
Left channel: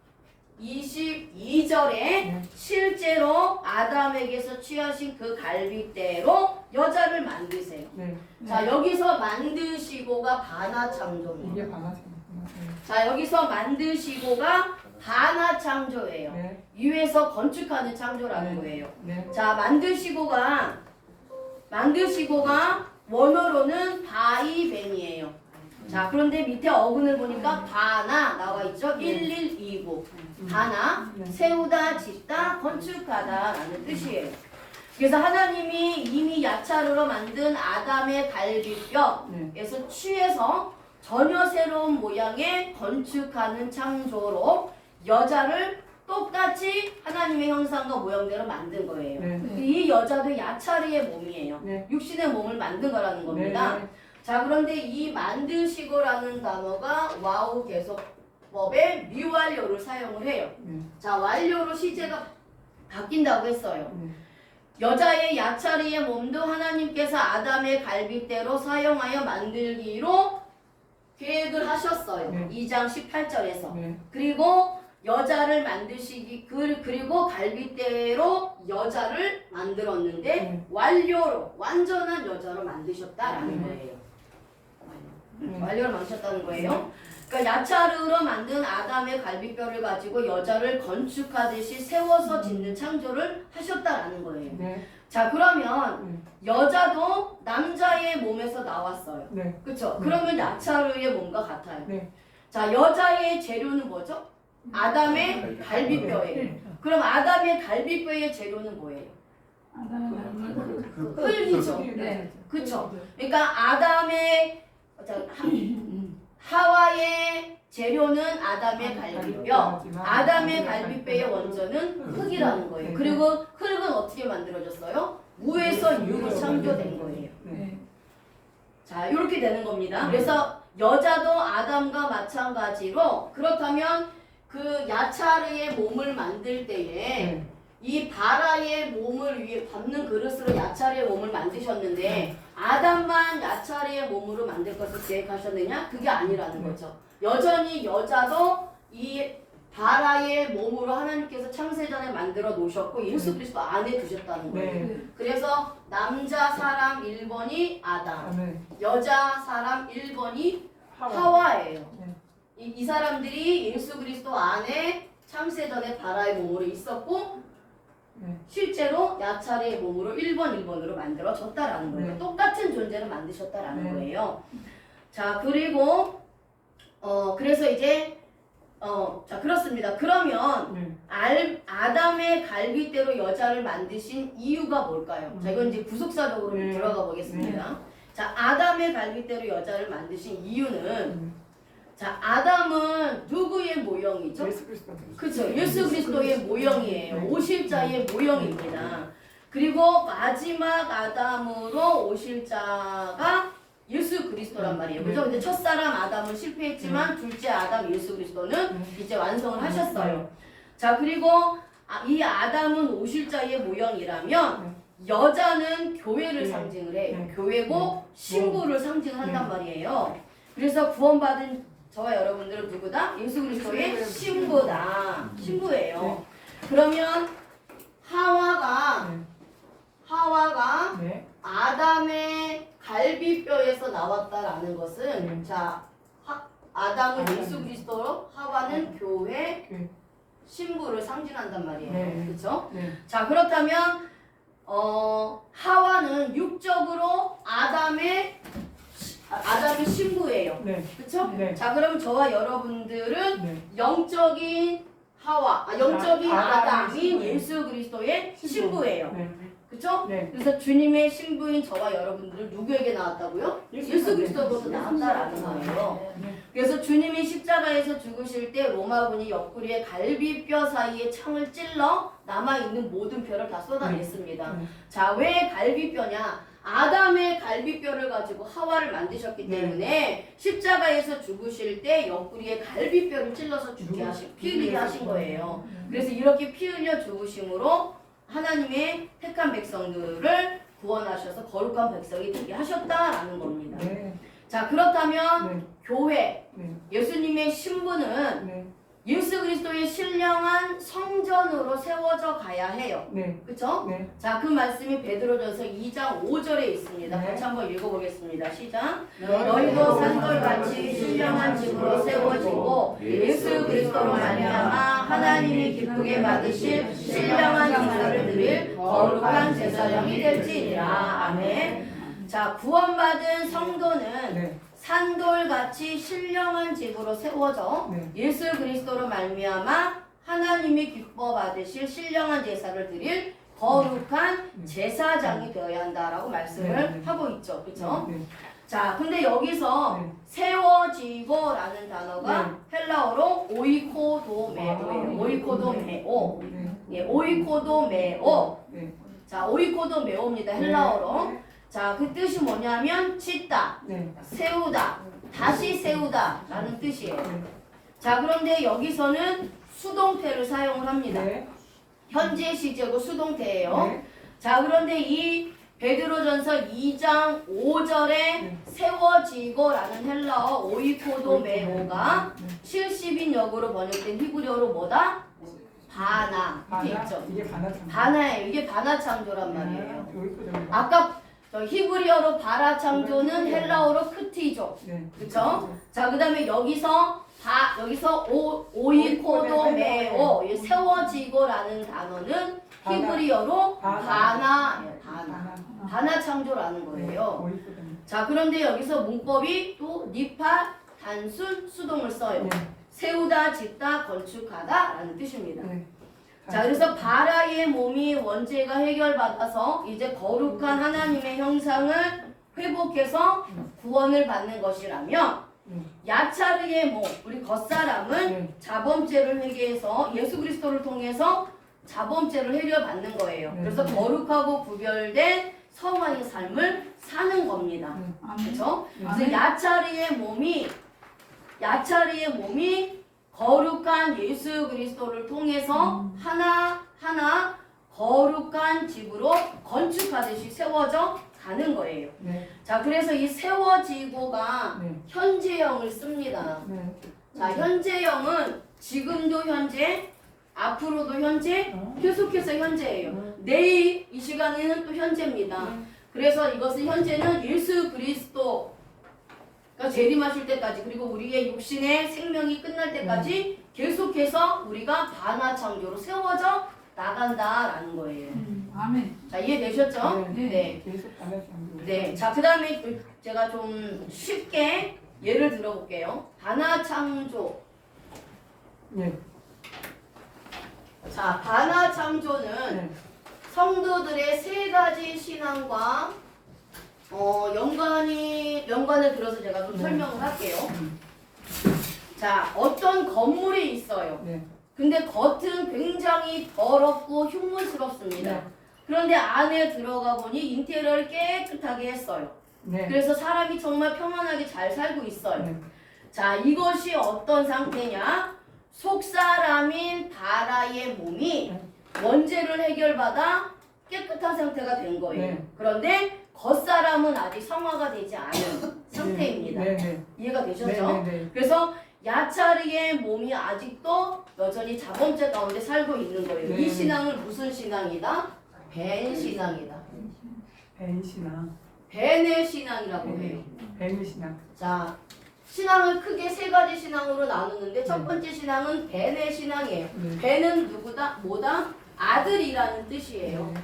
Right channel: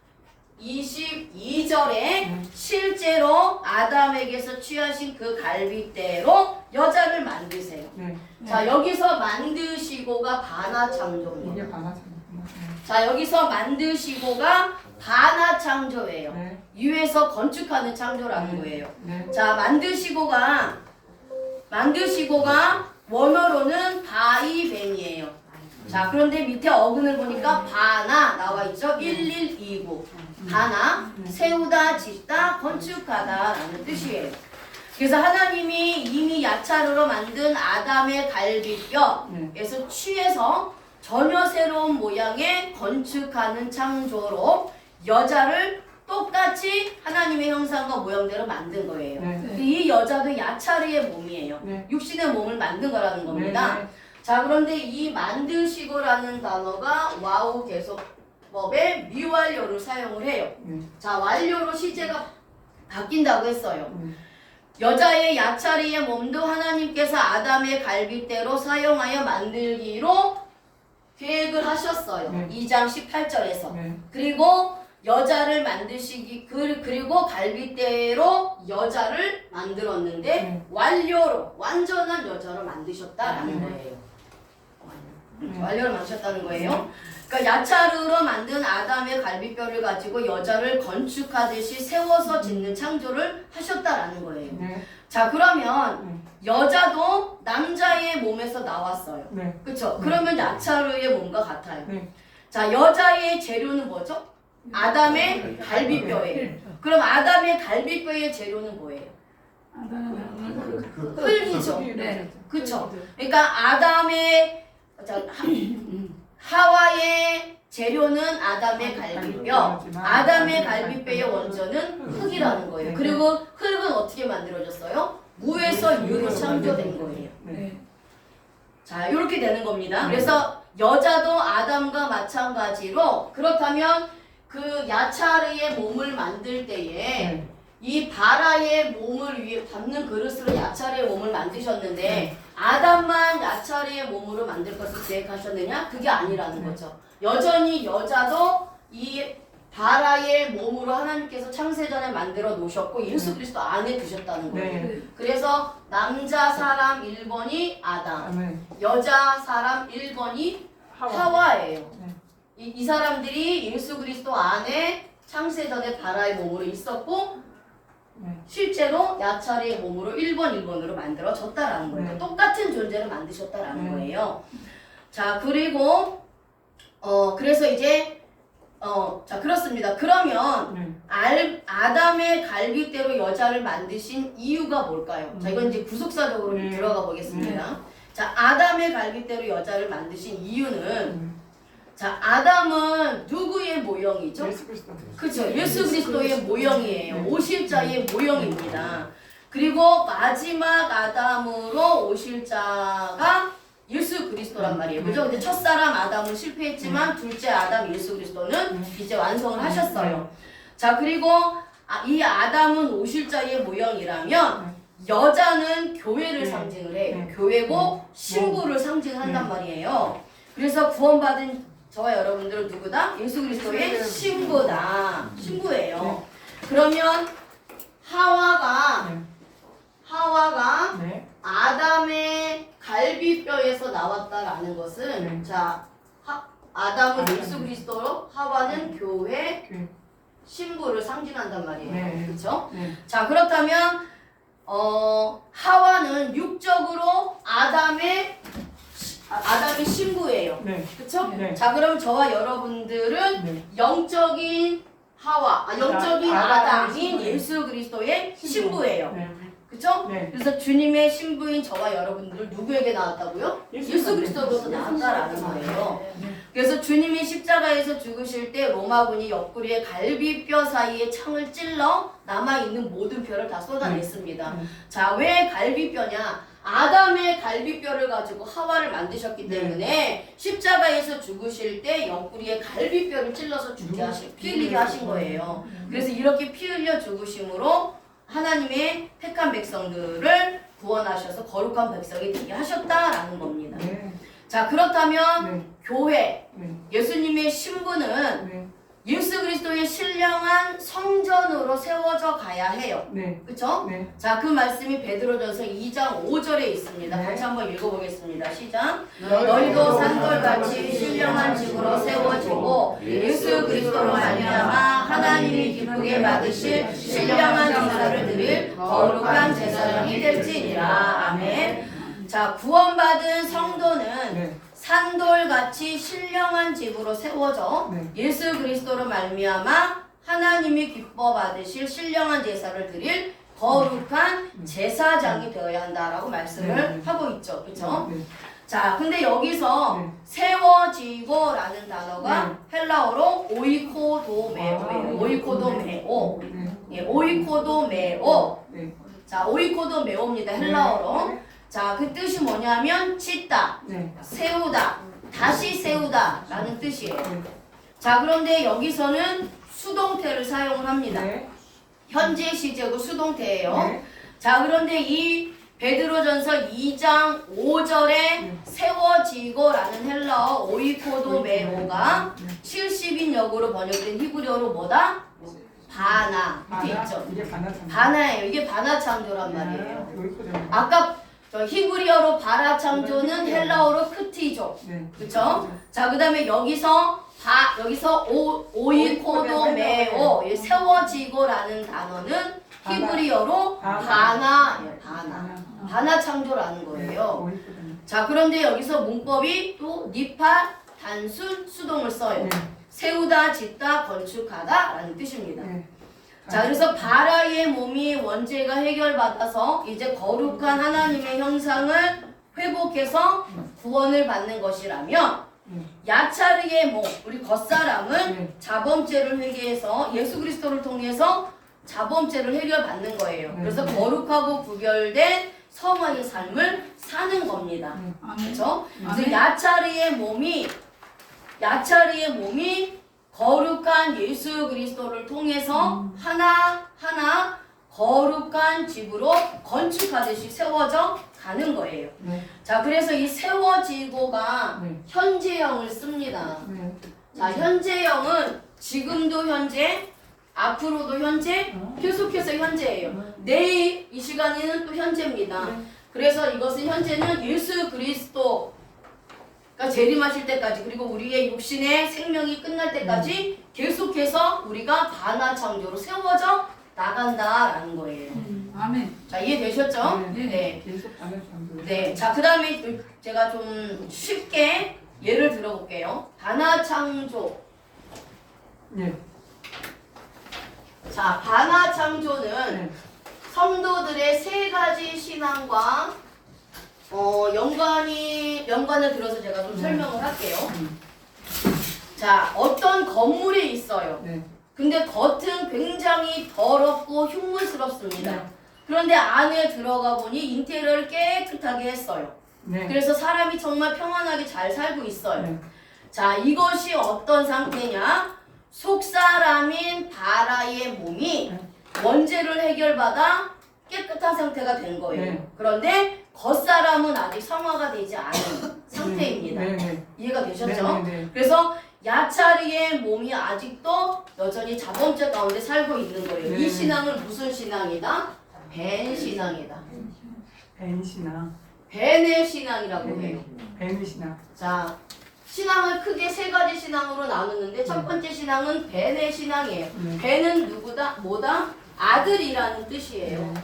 22절에 실제로 아담에게서 취하신 그 갈빗대로 여자를 만드세요. 네. 자, 여기서 만드시고가 반하창조입니다. 이게 반하잖아요. 자, 여기서 만드시고가 반하창조예요. 네. 위에서 건축하는 창조라는 네. 거예요. 네. 자, 만드시고가 원어로는 바이벤이에요. 자, 그런데 밑에 어근을 보니까 바나 나와 있죠? 1129. 바나, 세우다, 짓다, 건축하다라는 뜻이에요. 그래서 하나님이 이미 야차르로 만든 아담의 갈비뼈에서 취해서 전혀 새로운 모양의 건축하는 창조로 여자를 똑같이 하나님의 형상과 모양대로 만든 거예요. 네. 이 여자도 야차르의 몸이에요. 네. 육신의 몸을 만든 거라는 겁니다. 네. 자, 그런데 이 만드시고라는 단어가 와우 계속법의 미완료를 사용을 해요. 네. 자, 완료로 시제가 바뀐다고 했어요. 네. 여자의 야차르의 몸도 하나님께서 아담의 갈빗대로 사용하여 만들기로 계획을 하셨어요. 네. 2장 18절에서. 네. 그리고 여자를 만드시기 그리고 갈빗대로 여자를 만들었는데 완료로 완전한 여자로 만드셨다라는 거예요. 완료로 만드셨다는 거예요. 그러니까 야차르로 만든 아담의 갈비뼈를 가지고 여자를 건축하듯이 세워서 짓는 창조를 하셨다라는 거예요. 네. 자, 그러면 여자도 남자의 몸에서 나왔어요. 네. 그렇죠? 그러면 야차르의 몸과 같아요. 네. 자, 여자의 재료는 뭐죠? 아담의 갈비뼈예요. 그럼 아담의 갈비뼈의 재료는 뭐예요? 흙이죠. 네. 그렇죠? 그러니까 하와의 재료는 아담의 갈비뼈, 아담의 갈비뼈의 원전은 흙이라는 거예요. 그리고 흙은 어떻게 만들어졌어요? 무에서 유로 창조된 거예요. 네. 자, 이렇게 되는 겁니다. 그래서 여자도 아담과 마찬가지로 그렇다면 그 야차르의 몸을 만들 때에 이 바라의 몸을 위해 담는 그릇으로 야차르의 몸을 만드셨는데 아담만 야차르의 몸으로 만들 것을 계획하셨느냐? 그게 아니라는 거죠. 여전히 여자도 이 바라의 몸으로 하나님께서 창세전에 만들어 놓으셨고 예수 그리스도 안에 두셨다는 거예요. 네. 그래서 남자 사람 1번이 아담, 네. 여자 사람 1번이 하와예요. 네. 이 사람들이 예수 그리스도 안에 창세전에 바라의 몸으로 있었고 네. 실제로 야차르의 몸으로 1번으로 만들어졌다라는 거예요. 네. 똑같은 존재로 만드셨다라는 네. 거예요. 자, 그리고 그래서 이제 자, 그렇습니다. 그러면 네. 아담의 갈빗대로 여자를 만드신 이유가 뭘까요? 자, 이건 이제 구속사적으로 들어가 보겠습니다. 자, 아담의 갈빗대로 여자를 만드신 이유는 자, 아담은 누구의 모형이죠? 예수 그리스도. 그렇죠. 예수 그리스도의 모형이에요. 오실자의 모형입니다. 그리고 마지막 아담으로 오실 자가 예수 그리스도란 말이에요. 그죠? 근데 첫사람 아담은 실패했지만 둘째 아담 예수 그리스도는 이제 완성을 하셨어요. 자, 그리고 이 아담은 오실 자의 모형이라면 여자는 교회를 상징을 해요. 교회고 신부를 상징한단 말이에요. 그래서 구원받은 저와 여러분들은 누구다? 예수 그리스도의 신부다. 신부예요. 그러면 하와가 네. 아담의 갈비뼈에서 나왔다라는 것은 자, 아담은 예수 그리스도로 하와는 교회 교회. 신부를 상징한단 말이에요. 네. 그렇죠? 네. 자, 그렇다면 하와는 육적으로 아담의 신부예요. 네. 그렇죠? 네. 자, 그럼 저와 여러분들은 네. 영적인 영적인 아담의 아담인 신부예요. 예수 그리스도의 신부예요. 네. 그렇죠? 네. 그래서 주님의 신부인 저와 여러분들은 누구에게 나왔다고요? 예수 그리스도로서 나왔다라는 거예요. 그래서 주님이 십자가에서 죽으실 때 로마군이 옆구리에 갈비뼈 사이에 창을 찔러 남아있는 모든 뼈를 다 쏟아냈습니다. 자, 왜 갈비뼈냐? 아담의 갈비뼈를 가지고 하와를 만드셨기 때문에 십자가에서 죽으실 때 옆구리에 갈비뼈를 찔러서 피 흘리게 하신 거예요. 그래서 이렇게 피 흘려 죽으심으로 하나님의 택한 백성들을 구원하셔서 거룩한 백성이 되게 하셨다라는 겁니다. 네. 자, 그렇다면 네. 교회, 네. 예수님의 신부는 네. 예수 그리스도의 신령한 성전으로 세워져 가야 해요. 네. 그렇죠? 네. 자, 그 말씀이 베드로전서 2장 5절에 있습니다. 네. 같이 한번 읽어보겠습니다. 시작. 너희도 너희도 산돌같이 신령한 집으로 세워지고 예수 그리스도로 말미암아 하나님이 기쁘게 받으실 신령한 제사를 드릴 거룩한 제사장이 될지니라. 아멘. 자, 구원받은 성도는 네. 산돌같이 신령한 집으로 세워져 네. 예수 그리스도로 말미암아 하나님이 기뻐 받으실 신령한 제사를 드릴 거룩한 제사장이 되어야 한다라고 말씀을 하고 있죠. 그렇죠? 네. 자, 근데 여기서 네. 세워지고라는 단어가 헬라어로 오이코도메오예요. 오이코도메오. 네. 예, 오이코도메오. 네. 자, 오이코도메오입니다. 헬라어로. 자, 그 뜻이 뭐냐면 짓다, 네. 세우다, 다시 세우다 라는 뜻이에요. 네. 자, 그런데 여기서는 수동태를 사용을 합니다. 네. 현재 시제고 수동태예요. 네. 자, 그런데 이 베드로전서 2장 5절에 세워지고라는 헬라어 오이코도메오가 70인 역으로 번역된 히브리어로 뭐다? 바나. 이렇게 있죠. 이게 바나참. 바나예요. 이게 바나 창조란 네. 말이에요. 여기까지. 아까 저 히브리어로 바라 창조는 헬라어로 크티죠. 네. 그쵸? 자, 그 다음에 여기서 오이코도메오, 세워지고라는 단어는 히브리어로 바나예요. 바나 창조라는 거예요. 자, 그런데 여기서 문법이 또 니파, 단순, 수동을 써요. 네. 세우다, 짓다, 건축하다 라는 뜻입니다. 네. 자, 그래서 바라의 몸이 원죄가 해결받아서 이제 거룩한 하나님의 형상을 회복해서 구원을 받는 것이라면 야차르의 몸, 우리 겉사람은 자범죄를 회개해서 예수 그리스도를 통해서 자범죄를 해결받는 거예요. 그래서 거룩하고 구별된 성화의 삶을 사는 겁니다. 그렇죠? 그래서 야차르의 몸이 거룩한 예수 그리스도를 통해서 하나하나 거룩한 집으로 건축하듯이 세워져 가는 거예요. 네. 자, 그래서 이 세워지고가 네. 현재형을 씁니다. 네. 자, 현재형은 지금도 현재, 앞으로도 현재, 계속해서 현재예요. 내일 이 시간에는 또 현재입니다. 그래서 이것은 현재는 예수 그리스도가 재림하실 때까지, 그리고 우리의 육신의 생명이 끝날 때까지 계속해서 우리가 바나 창조로 세워져 나간다라는 거예요. 아멘. 자, 이해되셨죠? 네. 계속 바나참. 네. 자, 그 다음에 제가 좀 쉽게 예를 들어볼게요. 바나 창조. 네. 자, 반화창조는 네. 성도들의 세 가지 신앙과 연관을 들어서 제가 좀 네. 설명을 할게요. 자, 어떤 건물이 있어요. 네. 근데 겉은 굉장히 더럽고 흉물스럽습니다. 네. 그런데 안에 들어가 보니 인테리어를 깨끗하게 했어요. 네. 그래서 사람이 정말 평안하게 잘 살고 있어요. 네. 자, 이것이 어떤 상태냐? 속사람인 바라의 몸이 네. 원죄를 해결받아 깨끗한 상태가 된 거예요. 네. 그런데 겉사람은 아직 성화가 되지 않은 상태입니다. 네. 네. 이해가 되셨죠? 네. 네. 그래서 야차리의 몸이 아직도 여전히 자범죄 가운데 살고 있는 거예요. 네. 이 신앙은 무슨 신앙이다? 벤 신앙이다. 벤신앙. 벤의 신앙이라고 네. 해요. 벤신앙. 자, 신앙을 크게 세 가지 신앙으로 나누는데 첫 번째 신앙은 벤의 신앙이에요. 네. 벤은 누구다? 뭐다? 아들이라는 뜻이에요. 네.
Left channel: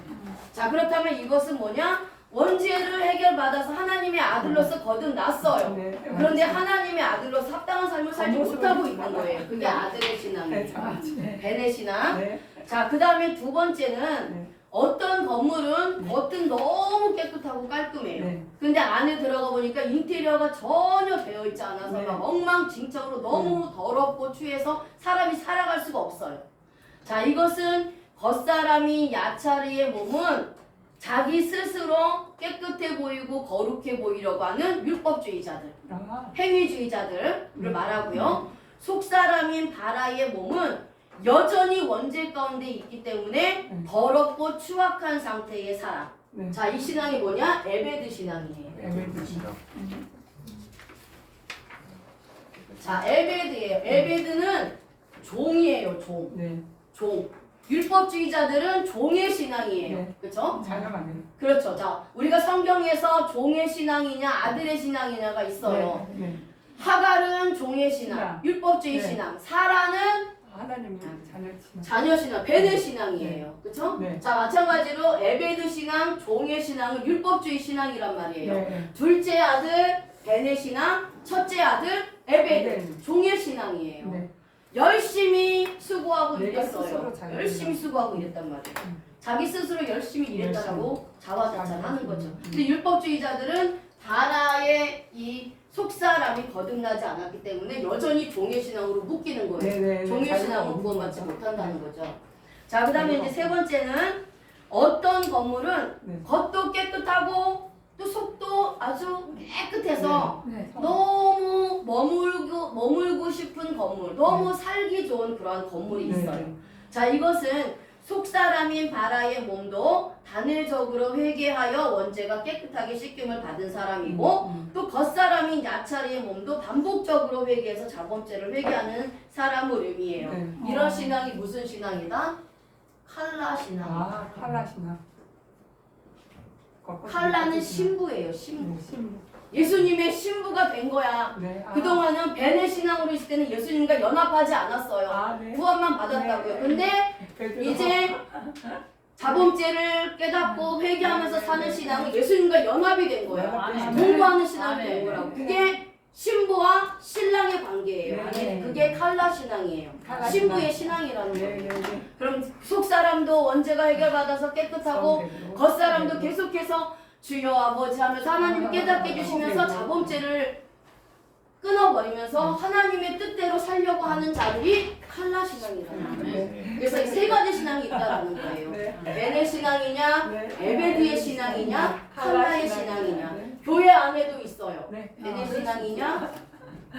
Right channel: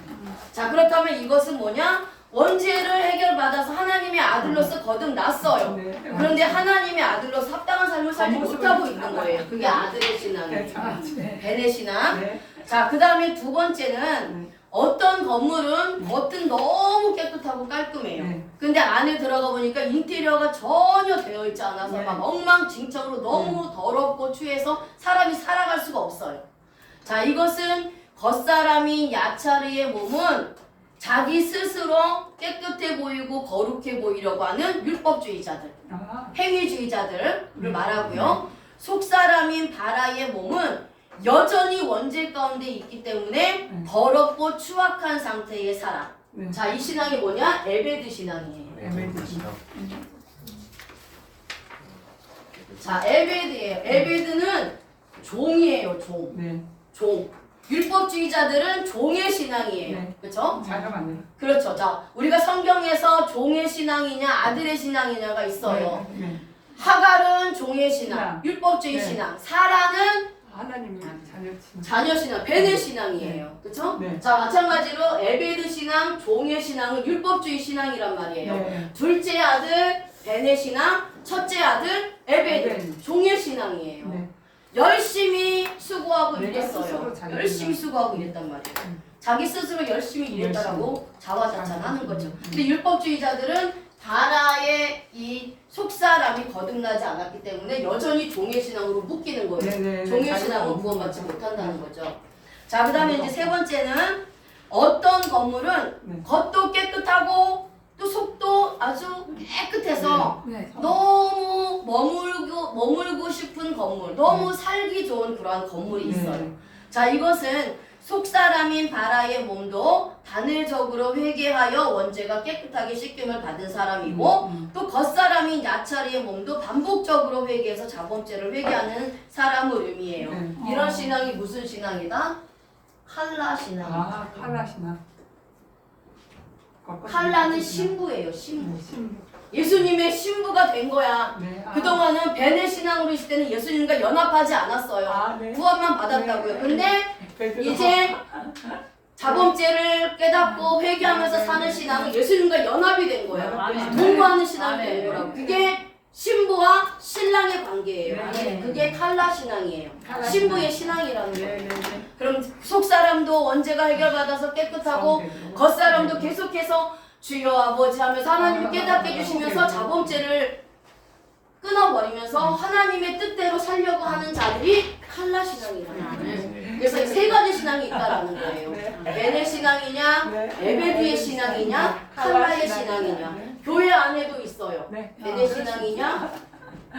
자, 그렇다면 이것은 뭐냐? 원죄를 해결받아서 하나님의 아들로서 거듭났어요. 네. 그런데 하나님의 아들로서 합당한 삶을 살지 못하고 있는 거예요. 그게 아들의 네. 신앙이에요. 네. 벤의 신앙. 네. 자, 그 다음에 두 번째는 네. 어떤 건물은 겉은 너무 깨끗하고 깔끔해요. 네. 근데 안에 들어가 보니까 인테리어가 전혀 되어 있지 않아서 네. 막 엉망진창으로 너무 더럽고 추해서 사람이 살아갈 수가 없어요. 자, 이것은 겉사람인 야차르의 몸은 자기 스스로 깨끗해 보이고 거룩해 보이려고 하는 율법주의자들, 아. 행위주의자들을 말하고요. 속사람인 바라의 몸은 여전히 원죄 가운데 있기 때문에 더럽고 추악한 상태의 사람. 네. 자, 이 신앙이 뭐냐? 에베드 신앙이에요. 자, 에베드예요. 에베드는 종이에요, 종. 네. 종. 율법주의자들은 종의 신앙이에요. 네. 그렇죠? 자녀가 안 돼요. 그렇죠. 자, 우리가 성경에서 종의 신앙이냐 아들의 신앙이냐가 있어요. 네. 네. 하갈은 종의 신앙, 신앙. 율법주의 네. 신앙. 사라는 하나님은 자녀 친구. 자녀 신앙, 벤의 신앙이에요. 그렇죠? 네. 자, 마찬가지로 에베드 신앙, 종의 신앙은 율법주의 신앙이란 말이에요. 네. 둘째 아들 벤의 신앙, 첫째 아들 에베드 종의 신앙이에요. 네. 열심히 수고하고 내가 일했어요. 스스로 잘 열심히 일한다. 수고하고 일했단 말이에요. 자기 스스로 열심히 일했다라고 자화자찬하는 거죠. 음. 근데 율법주의자들은 바라의 이 속사람이 거듭나지 않았기 때문에 여전히 종의 신앙으로 묶이는 거예요. 네, 네, 네. 종의 자기가 신앙을 없는 구원받지 거죠. 못한다는 거죠. 자, 그 다음에 이제 세 번째는 어떤 건물은 네. 겉도 깨끗하고 또 속도 아주 깨끗해서 네. 너무 머물고 싶은 건물, 너무 살기 좋은 그러한 건물이 있어요. 네. 자, 이것은 속사람인 바라의 몸도 단일적으로 회개하여 원죄가 깨끗하게 씻김을 받은 사람이고 또 겉사람인 야차리의 몸도 반복적으로 회개해서 자범죄를 회개하는 사람을 의미해요. 네. 이런 신앙이 무슨 신앙이다? 칼라 신앙. 아, 칼라시나. 칼라는 신부예요, 신부. 신부. 예수님의 신부가 된 거야. 네. 아. 그동안은 벤의 신앙으로 있을 때는 예수님과 연합하지 않았어요. 아, 네. 구원만 받았다고요. 네. 근데 베드로. 이제 자범죄를 깨닫고 회개하면서 사는 신앙은 예수님과 연합이 된 거예요. 아, 동거하는 신앙이 네. 된 거라고. 그게 신부와 신랑의 관계예요. 네. 그게 칼라 신앙이에요. 칼라 신부의 신앙. 신앙이라는 네, 거예요. 네, 네. 그럼 속 사람도 원죄가 해결받아서 깨끗하고 겉 사람도 계속해서 주여 아버지 하면서 하나님이 깨닫게 해주시면서 자범죄를 끊어버리면서 하나님의 뜻대로 살려고 하는 자들이 칼라 신앙이라는 거예요. 그래서 이 세 가지 신앙이 있다라는 거예요. 네. 벤의 신앙이냐, 네. 에베드의 신앙이냐, 칼라의 신앙이냐. 네. 교회 안에도 있어요. 네. 벤의 신앙이냐,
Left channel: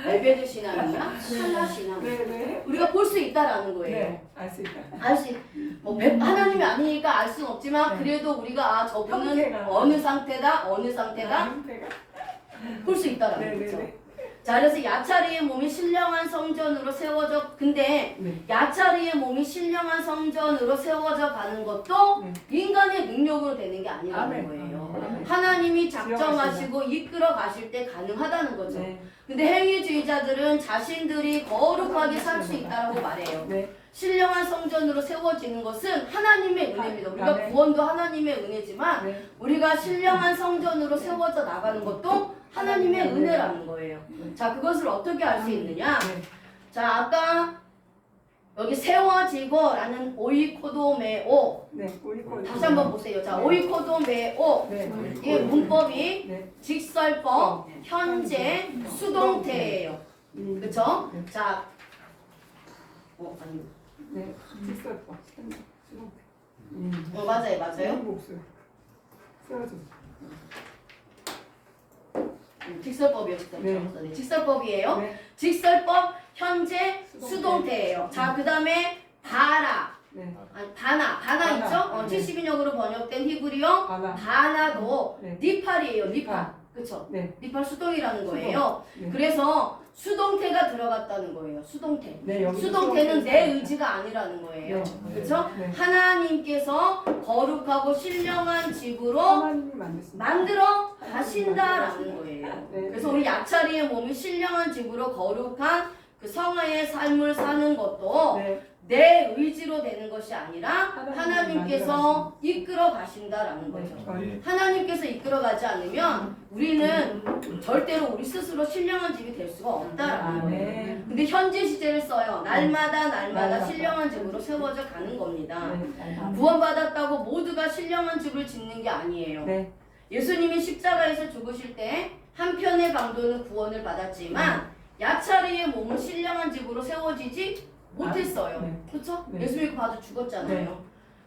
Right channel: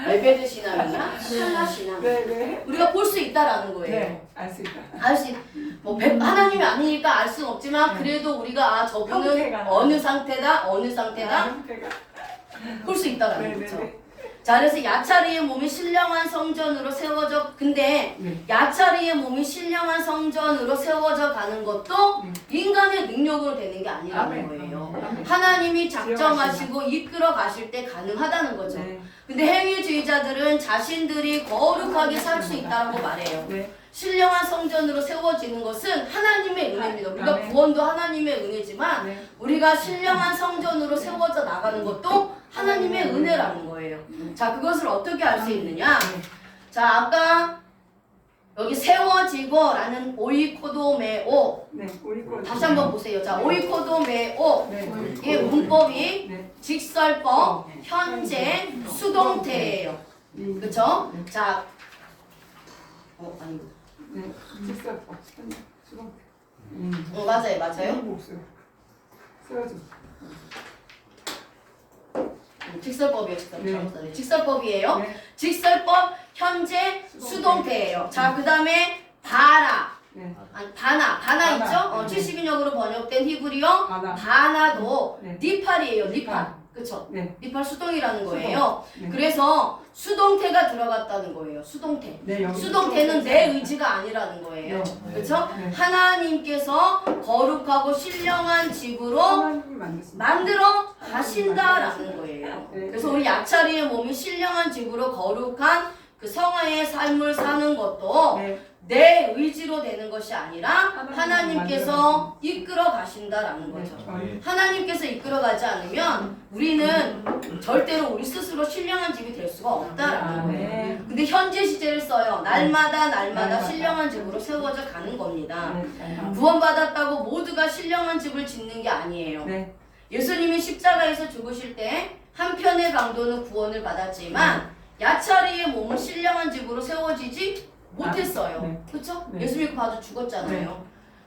에베드 신앙이냐, 칼라 신앙. 네, 네. 우리가 볼 수 있다라는 거예요. 네. 알 수 있다. 알수 뭐 하나님이 아니니까 알 수는 없지만 그래도 우리가 아 저분은 형태가. 어느 상태다, 어느 상태다 형태가. 볼 수 있다라는 네, 네, 거죠. 네. 자, 그래서 야차리의 몸이 신령한 성전으로 세워져. 근데 네. 야차리의 몸이 신령한 성전으로 세워져 가는 것도 인간의 능력으로 되는 게 아니라는 아멘. 거예요. 아멘. 하나님이 작정하시고 이끌어 가실 때 가능하다는 거죠. 네. 근데 행위주의자들은 자신들이 거룩하게 살 수 있다고 말해요. 네. 신령한 성전으로 세워지는 것은 하나님의 은혜입니다. 우리가 아멘. 구원도 하나님의 은혜지만 네. 우리가 신령한 성전으로 세워져 나가는 것도 하나님의 은혜라는 거예요. 자, 그것을 어떻게 알 수 있느냐? 네. 자, 아까 여기 세워지고라는 오이코도메오. 네, 우리 거. 다시 한번 보세요. 자, 오이코도메오. 네. 이 문법이 네. 직설법, 현재, 수동태예요. 그렇죠? 자, 아니, 네. 직설법. 수동. 맞아요, 맞아요. 목수. 세워줘. 직설법이요, 직설법. 네. 잘못 직설법이에요. 네. 직설법, 현재, 수동태예요. 자, 그 다음에 바라. 네. 아니, 바나 바나. 있죠? 네. 70인역으로 번역된 히브리어 바나. 바나도 네. 니팔이에요, 니팔. 그쵸? 네. 니팔 수동이라는 거예요. 네. 그래서 수동태가 들어갔다는 거예요. 수동태. 네, 여기 수동태는 내 의지가 아니라는 거예요. 네. 그렇죠? 네. 하나님께서 거룩하고 신령한 집으로 하나님이 만드신 만들어 가신다라는 거예요. 네. 그래서 우리 약차리의 몸이 신령한 집으로 거룩한 그 성화의 삶을 사는 것도 네. 내 의지로 되는 것이 아니라 하나님이 하나님께서 이끌어 가신다라는 거죠. 네. 하나님께서 이끌어 가지 않으면 우리는 절대로 우리 스스로 신령한 집이 될 수가 없다라는 거예요. 네. 근데 현재 시제를 써요. 날마다 날마다. 신령한 집으로 세워져 가는 겁니다. 네. 구원받았다고 모두가 신령한 집을 짓는 게 아니에요. 네. 예수님이 십자가에서 죽으실 때 한편의 강도는 구원을 받았지만 야차리의 몸은 신령한 집으로 세워지지 못했어요. 네. 그렇죠? 네. 예수 믿고 바로 죽었잖아요. 네.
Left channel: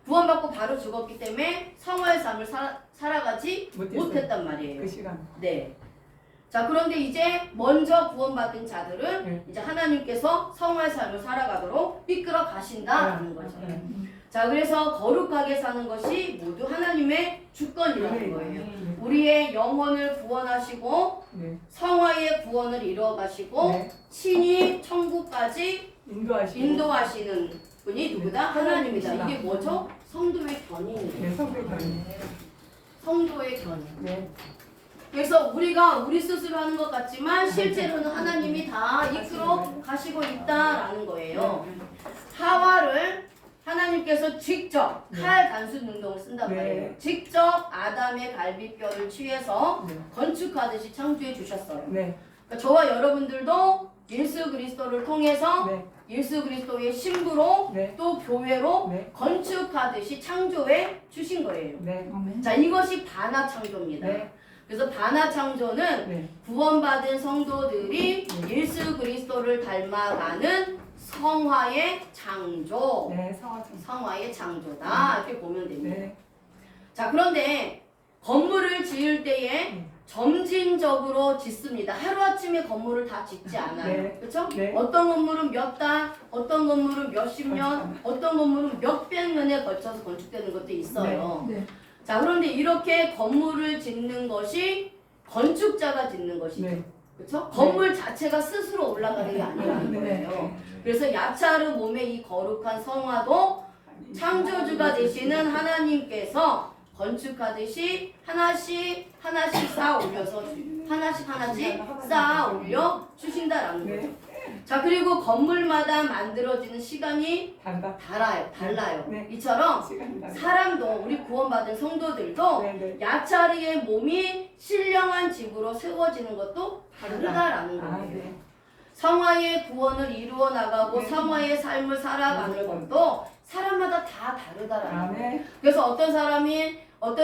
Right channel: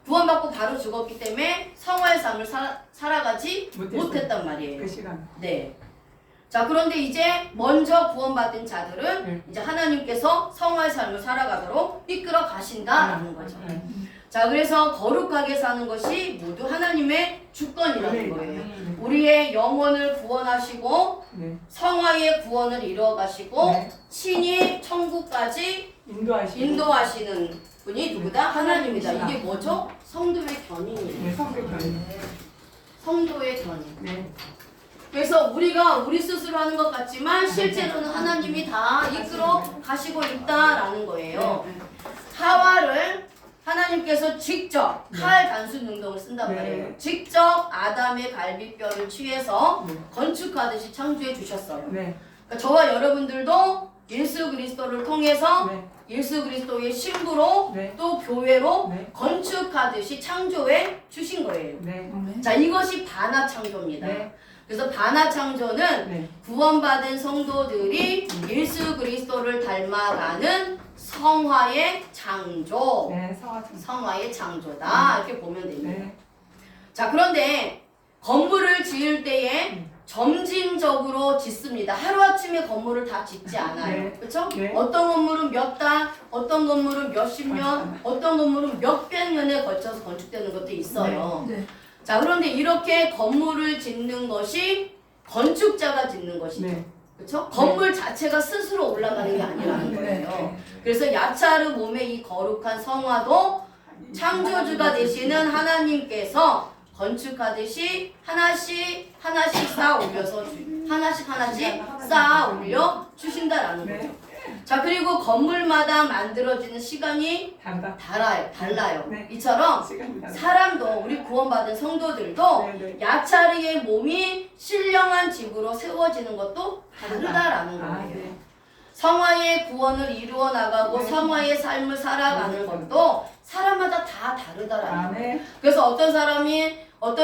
구원받고 바로 죽었기 때문에 성화의 삶을 살아가지 못했어요. 못했단 말이에요. 그 시간. 네. 자, 그런데 이제 먼저 구원받은 자들은 네. 이제 하나님께서 성화의 삶을 살아가도록 이끌어 가신다라는 거죠. 네. 자, 그래서 거룩하게 사는 것이 모두 하나님의 주권이라는 거예요. 네. 우리의 영혼을 구원하시고 네. 성화의 구원을 이루어 가시고 네. 친히 천국까지 인도하시고. 인도하시는 분이 누구다? 하나님이다. 이게 하나님이시다. 뭐죠? 성도의 견인이에요. 네, 성도 견인. 성도의 견인. 네. 그래서 우리가 우리 스스로 하는 것 같지만 실제로는 하나님이 다 이끌어 가시고 있다라는 거예요. 하와를 하나님께서 직접 칼 단순 능동을 쓴단 네. 말이에요. 직접 아담의 갈비뼈를 취해서 네. 건축하듯이 창조해 주셨어요. 네. 그러니까 저와 여러분들도 예수 그리스도를 통해서 네. 예수 그리스도의 신부로 네. 또 교회로 네. 건축하듯이 창조해 주신 거예요. 네. 자, 이것이 반화 창조입니다. 네. 그래서 반화 창조는 네. 구원받은 성도들이 예수 그리스도를 닮아가는 성화의 창조. 네. 성화창. 성화의 창조다. 이렇게 보면 됩니다. 네. 자, 그런데 건물을 지을 때에 점진적으로 짓습니다. 하루아침에 건물을 다 짓지 않아요. 네. 그렇죠? 네. 어떤 건물은 몇 달, 어떤 건물은 몇십 년, 어떤 건물은 몇백 년에 걸쳐서 건축되는 것도 있어요. 네. 자, 그런데 이렇게 건물을 짓는 것이 건축자가 짓는 것이죠. 네. 그렇죠? 건물 자체가 스스로 올라가는 게 아니라는 거예요. 그래서 야차르 몸의 이 거룩한 성화도 창조주가 되시는 하나님께서 건축하듯이 하나씩 쌓아 올려서 하나씩 쌓아 올려 주신다라는 네. 거죠. 자, 그리고 건물마다 만들어지는 시간이 단다. 달라요. 네. 이처럼 시간이 단다. 사람도 우리 구원받은 성도들도 네. 네. 야차리의 몸이 신령한 집으로 세워지는 것도 다르다라는 아, 거예요. 네. 성화의 구원을 이루어 나가고 네. 성화의 삶을 살아가는 것도 사람마다 다 다르다라는 아, 거예요. 네. 그래서 어떤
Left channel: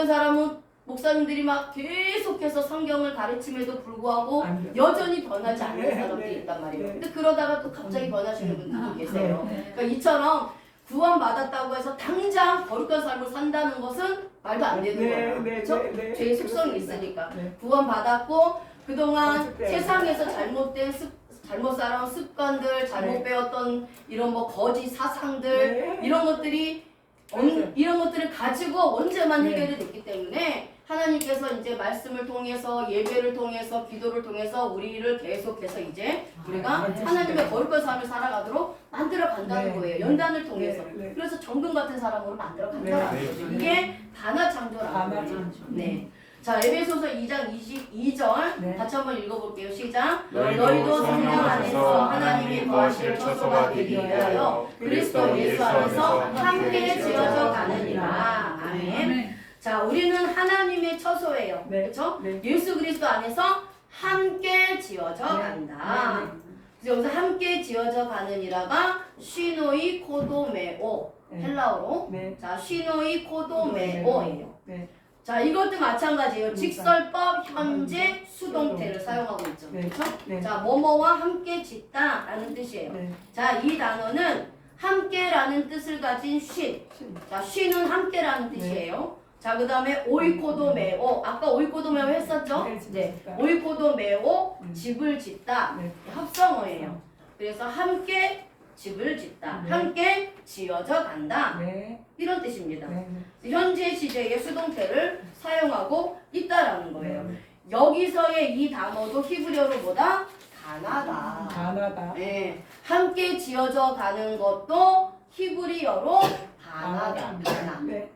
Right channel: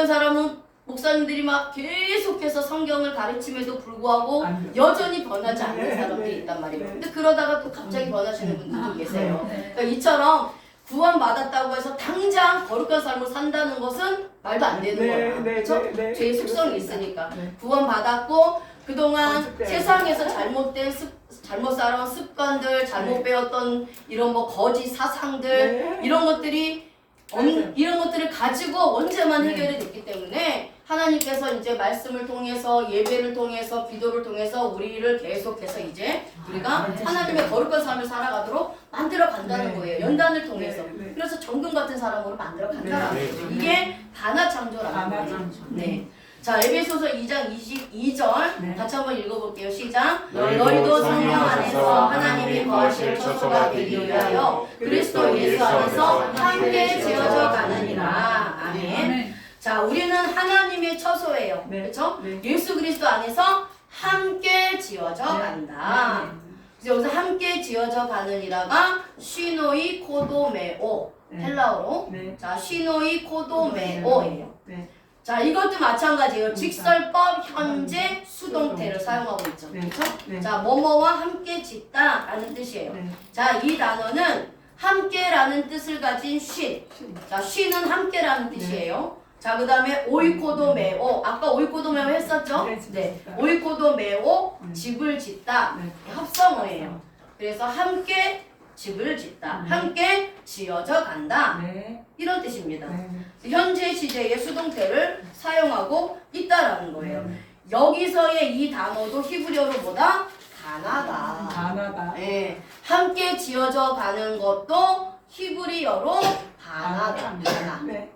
사람은 목사님들이 막 계속해서 성경을 가르침에도 불구하고 안 돼. 여전히 변하지 않는 네, 사람들이 네, 있단 말이에요. 네. 근데 그러다가 또 갑자기 변하시는 분들도 계세요. 그러니까 이처럼 구원받았다고 해서 당장 거룩한 삶을 산다는 것은 말도 안 되는 거예요. 그렇죠? 죄의 속성이 있으니까. 네. 구원받았고 그동안 어쨌든. 세상에서 잘못 살아온 습관들, 잘못 네. 배웠던 이런 뭐 거짓 사상들 네. 이런 것들이 맞아요. 이런 것들을 가지고 언제만 네. 해결이 됐기 때문에 하나님께서 이제 말씀을 통해서 예배를 통해서 기도를 통해서 우리를 계속해서 이제 우리가 네. 하나님의 거룩한 삶을 살아가도록 만들어 간다는 네. 거예요. 연단을 통해서. 네. 네. 그래서 정금 같은 사람으로 만들어 간다는 네. 거죠. 네. 이게 반화 창조라는 반화 거예요. 창조. 네. 자, 에베소서 2장 22절 네. 같이 한번 읽어볼게요. 시작. 너희도 너희도 성령 성령 안에서 하나님이 거하실 처소가 되기 위하여 그리스도 예수 안에서 함께 지어져 가느니라. 아멘. 자, 우리는 하나님의 처소예요. 네. 그렇죠? 네. 예수 그리스도 안에서 함께 지어져 네. 간다. 네. 그래서 여기서 함께 지어져 가는이라가 쉬노이 코도메오 네. 헬라어로 네. 자 쉬노이 코도메오예요. 네. 자 이것도 마찬가지예요. 직설법 현재 수동태를 사용하고 있죠. 네. 그렇죠? 네. 자 뭐뭐와 함께 짓다라는 뜻이에요. 네. 자 이 단어는 함께라는 뜻을 가진 쉰. 자 쉰은 함께라는 뜻이에요. 자 그다음에 오이코도메오 아까 오이코도메오 했었죠? 네, 네. 집을 오이코도메오 네. 집을 짓다 네. 합성어예요. 그래서 함께 집을 짓다. 네. 함께 지어져 간다. 네. 이런 뜻입니다. 네. 현재 시제의 수동태를 사용하고 있다라는 거예요. 네. 여기서의 이 단어도 히브리어로 뭐다? 가나다. 가나다. 네. 함께 지어져 가는 것도 히브리어로 바나다. 바나. 네.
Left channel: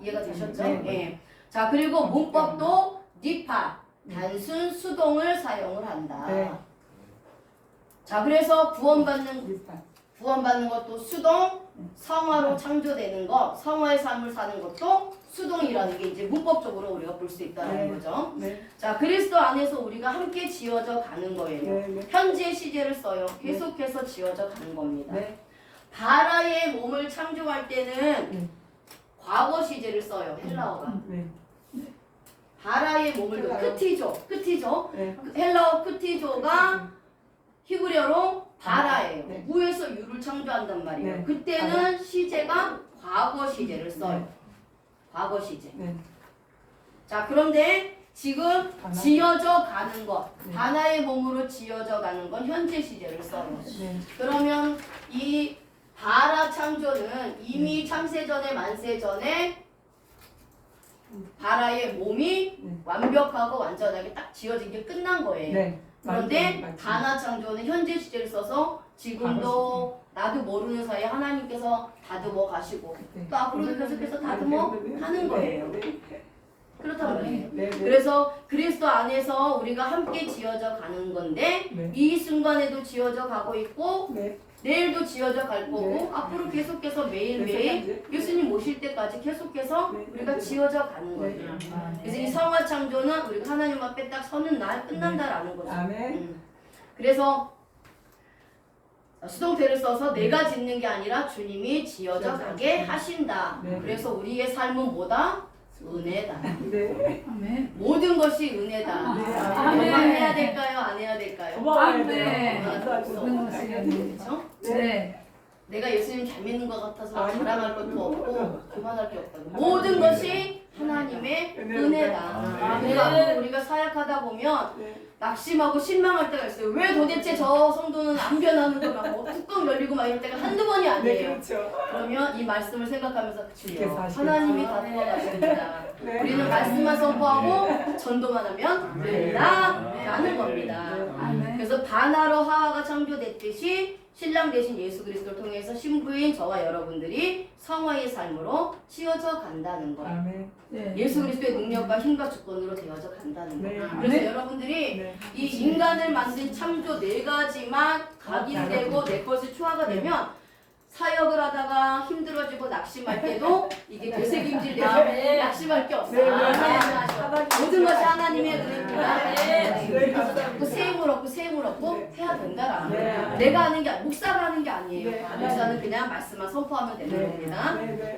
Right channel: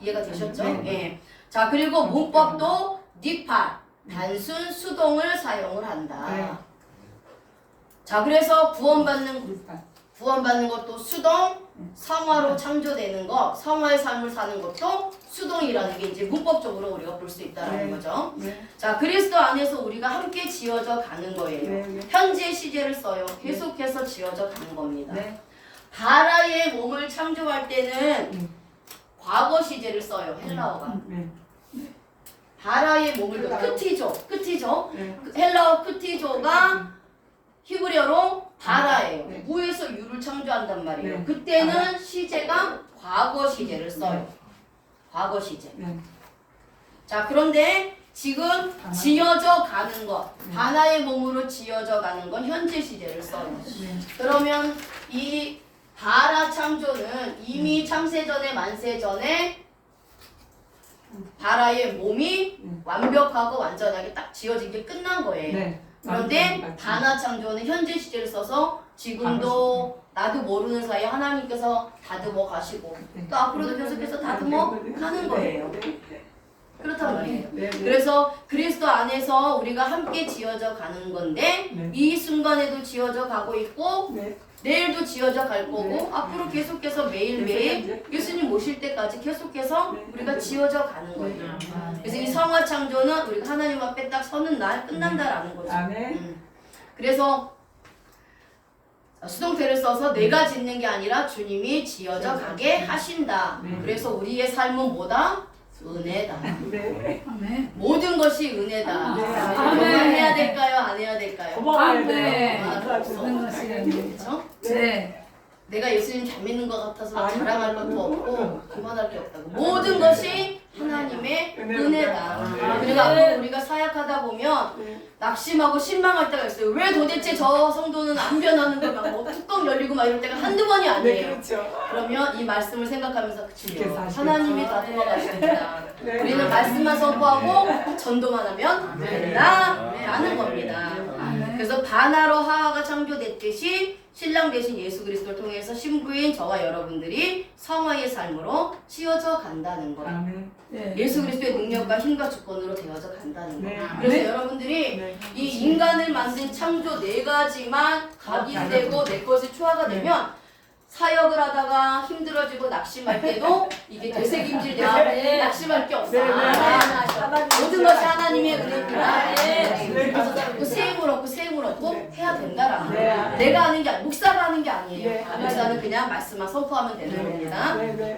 이해가 되셨죠? 네. 예. 자 그리고 문법도 니파 단순 수동을 사용을 한다. 네. 자 그래서 구원받는 비슷한. 것도 수동, 성화로 창조되는 것, 성화의 삶을 사는 것도 수동이라는 게 이제 문법적으로 우리가 볼 수 있다는 네. 거죠. 네. 자 그리스도 안에서 우리가 함께 지어져 가는 거예요. 네. 네. 현재 시제를 써요. 계속해서 지어져 가는 겁니다. 네. 바라의 몸을 창조할 때는 음. 과거 시제를 써요. 헬라어가. 네. 바라의 몸을 헬라어. 크티조. 네. 헬라어 크티조가 히브리어로 바라예요. 네. 무에서 유를 창조한단 말이에요. 네. 그때는 시제가 과거 시제를 써요. 과거 시제. 네. 자 그런데 지금 바나. 지어져 가는 것, 네. 바나의 몸으로 지어져 가는 건 현재 시제를 써요. 네. 그러면 이 바라 창조는 이미 창세전에 만세전에 바라의 몸이 완벽하고 완전하게 딱 지어진 게 끝난 거예요. 네. 그런데 맞습니다. 바나 창조는 현재 시제를 써서 지금도 나도 모르는 사이에 하나님께서 다듬어 가시고 네. 또 앞으로도 계속해서 다듬어 가는 거예요. 네. 그렇단 말이에요. 네. 네. 그래서 그리스도 안에서 우리가 함께 지어져 가는 건데 네. 이 순간에도 지어져 가고 있고 네. 내일도 지어져 갈 거고 네. 앞으로 계속해서 매일매일 예수님 모실 때까지 계속해서 네. 우리가 지어져 가는 거예요. 그래서 이 성화 창조는 우리가 하나님 앞에 딱 서는 날 끝난다라는 거죠. 아멘. 그래서 수동태를 써서 내가 짓는 게 아니라 주님이 지어져 가게 하신다. 네. 그래서 우리의 삶은 뭐다? 은혜다. 네. 모든 것이 은혜다. 네. 건강해야 될까요? 안 해야 될까요? 고마워요. 네. 모든 것이 그렇죠? 네. 내가 예수님 잘 믿는 것 같아서 막 아니요. 자랑할 것도 없고 그만할 게 없다고. 모든 것이 하나님의 은혜다. 그리고 앞으로 우리가 사역하다 보면 낙심하고 신망할 때가 있어요. 왜 도대체 저 성도는 안 변하는 거야? 뭐 뚜껑 열리고 막 이럴 때가 한두 번이 네, 아니에요. 그렇죠. 그러면 이 말씀을 생각하면서 주여 주께서 하시겠죠. 하나님이 다듬어 가십니다. 네. 우리는 말씀만 선포하고 전도만 하면 된다 라는 겁니다. 그래서 바나로 하와가 창조됐듯이 신랑 되신 예수 그리스도를 통해서 신부인 저와 여러분들이 성화의 삶으로 씌워져 간다는 거예요. 아멘. 예수 그리스도의 능력과 힘과 주권으로 되어져 간다는 거예요. 네. 그래서 여러분들이 네. 이 인간을 만든 창조 네 가지만 각인되고 내 것이 초화가 되면 사역을 하다가 힘들어지고 낙심할 때도 이게 되새김질돼서 낙심할 게 없어. 네, 네. 모든 것이 하나님의 은혜입니다. 네. 그래서 자꾸 세임을 얻고 네. 해야 된다라는 네. 거예요. 내가 하는 게 목사가 하는 게 아니에요. 네. 목사는 그냥 말씀만 선포하면 되는 네. 겁니다. 네. 네.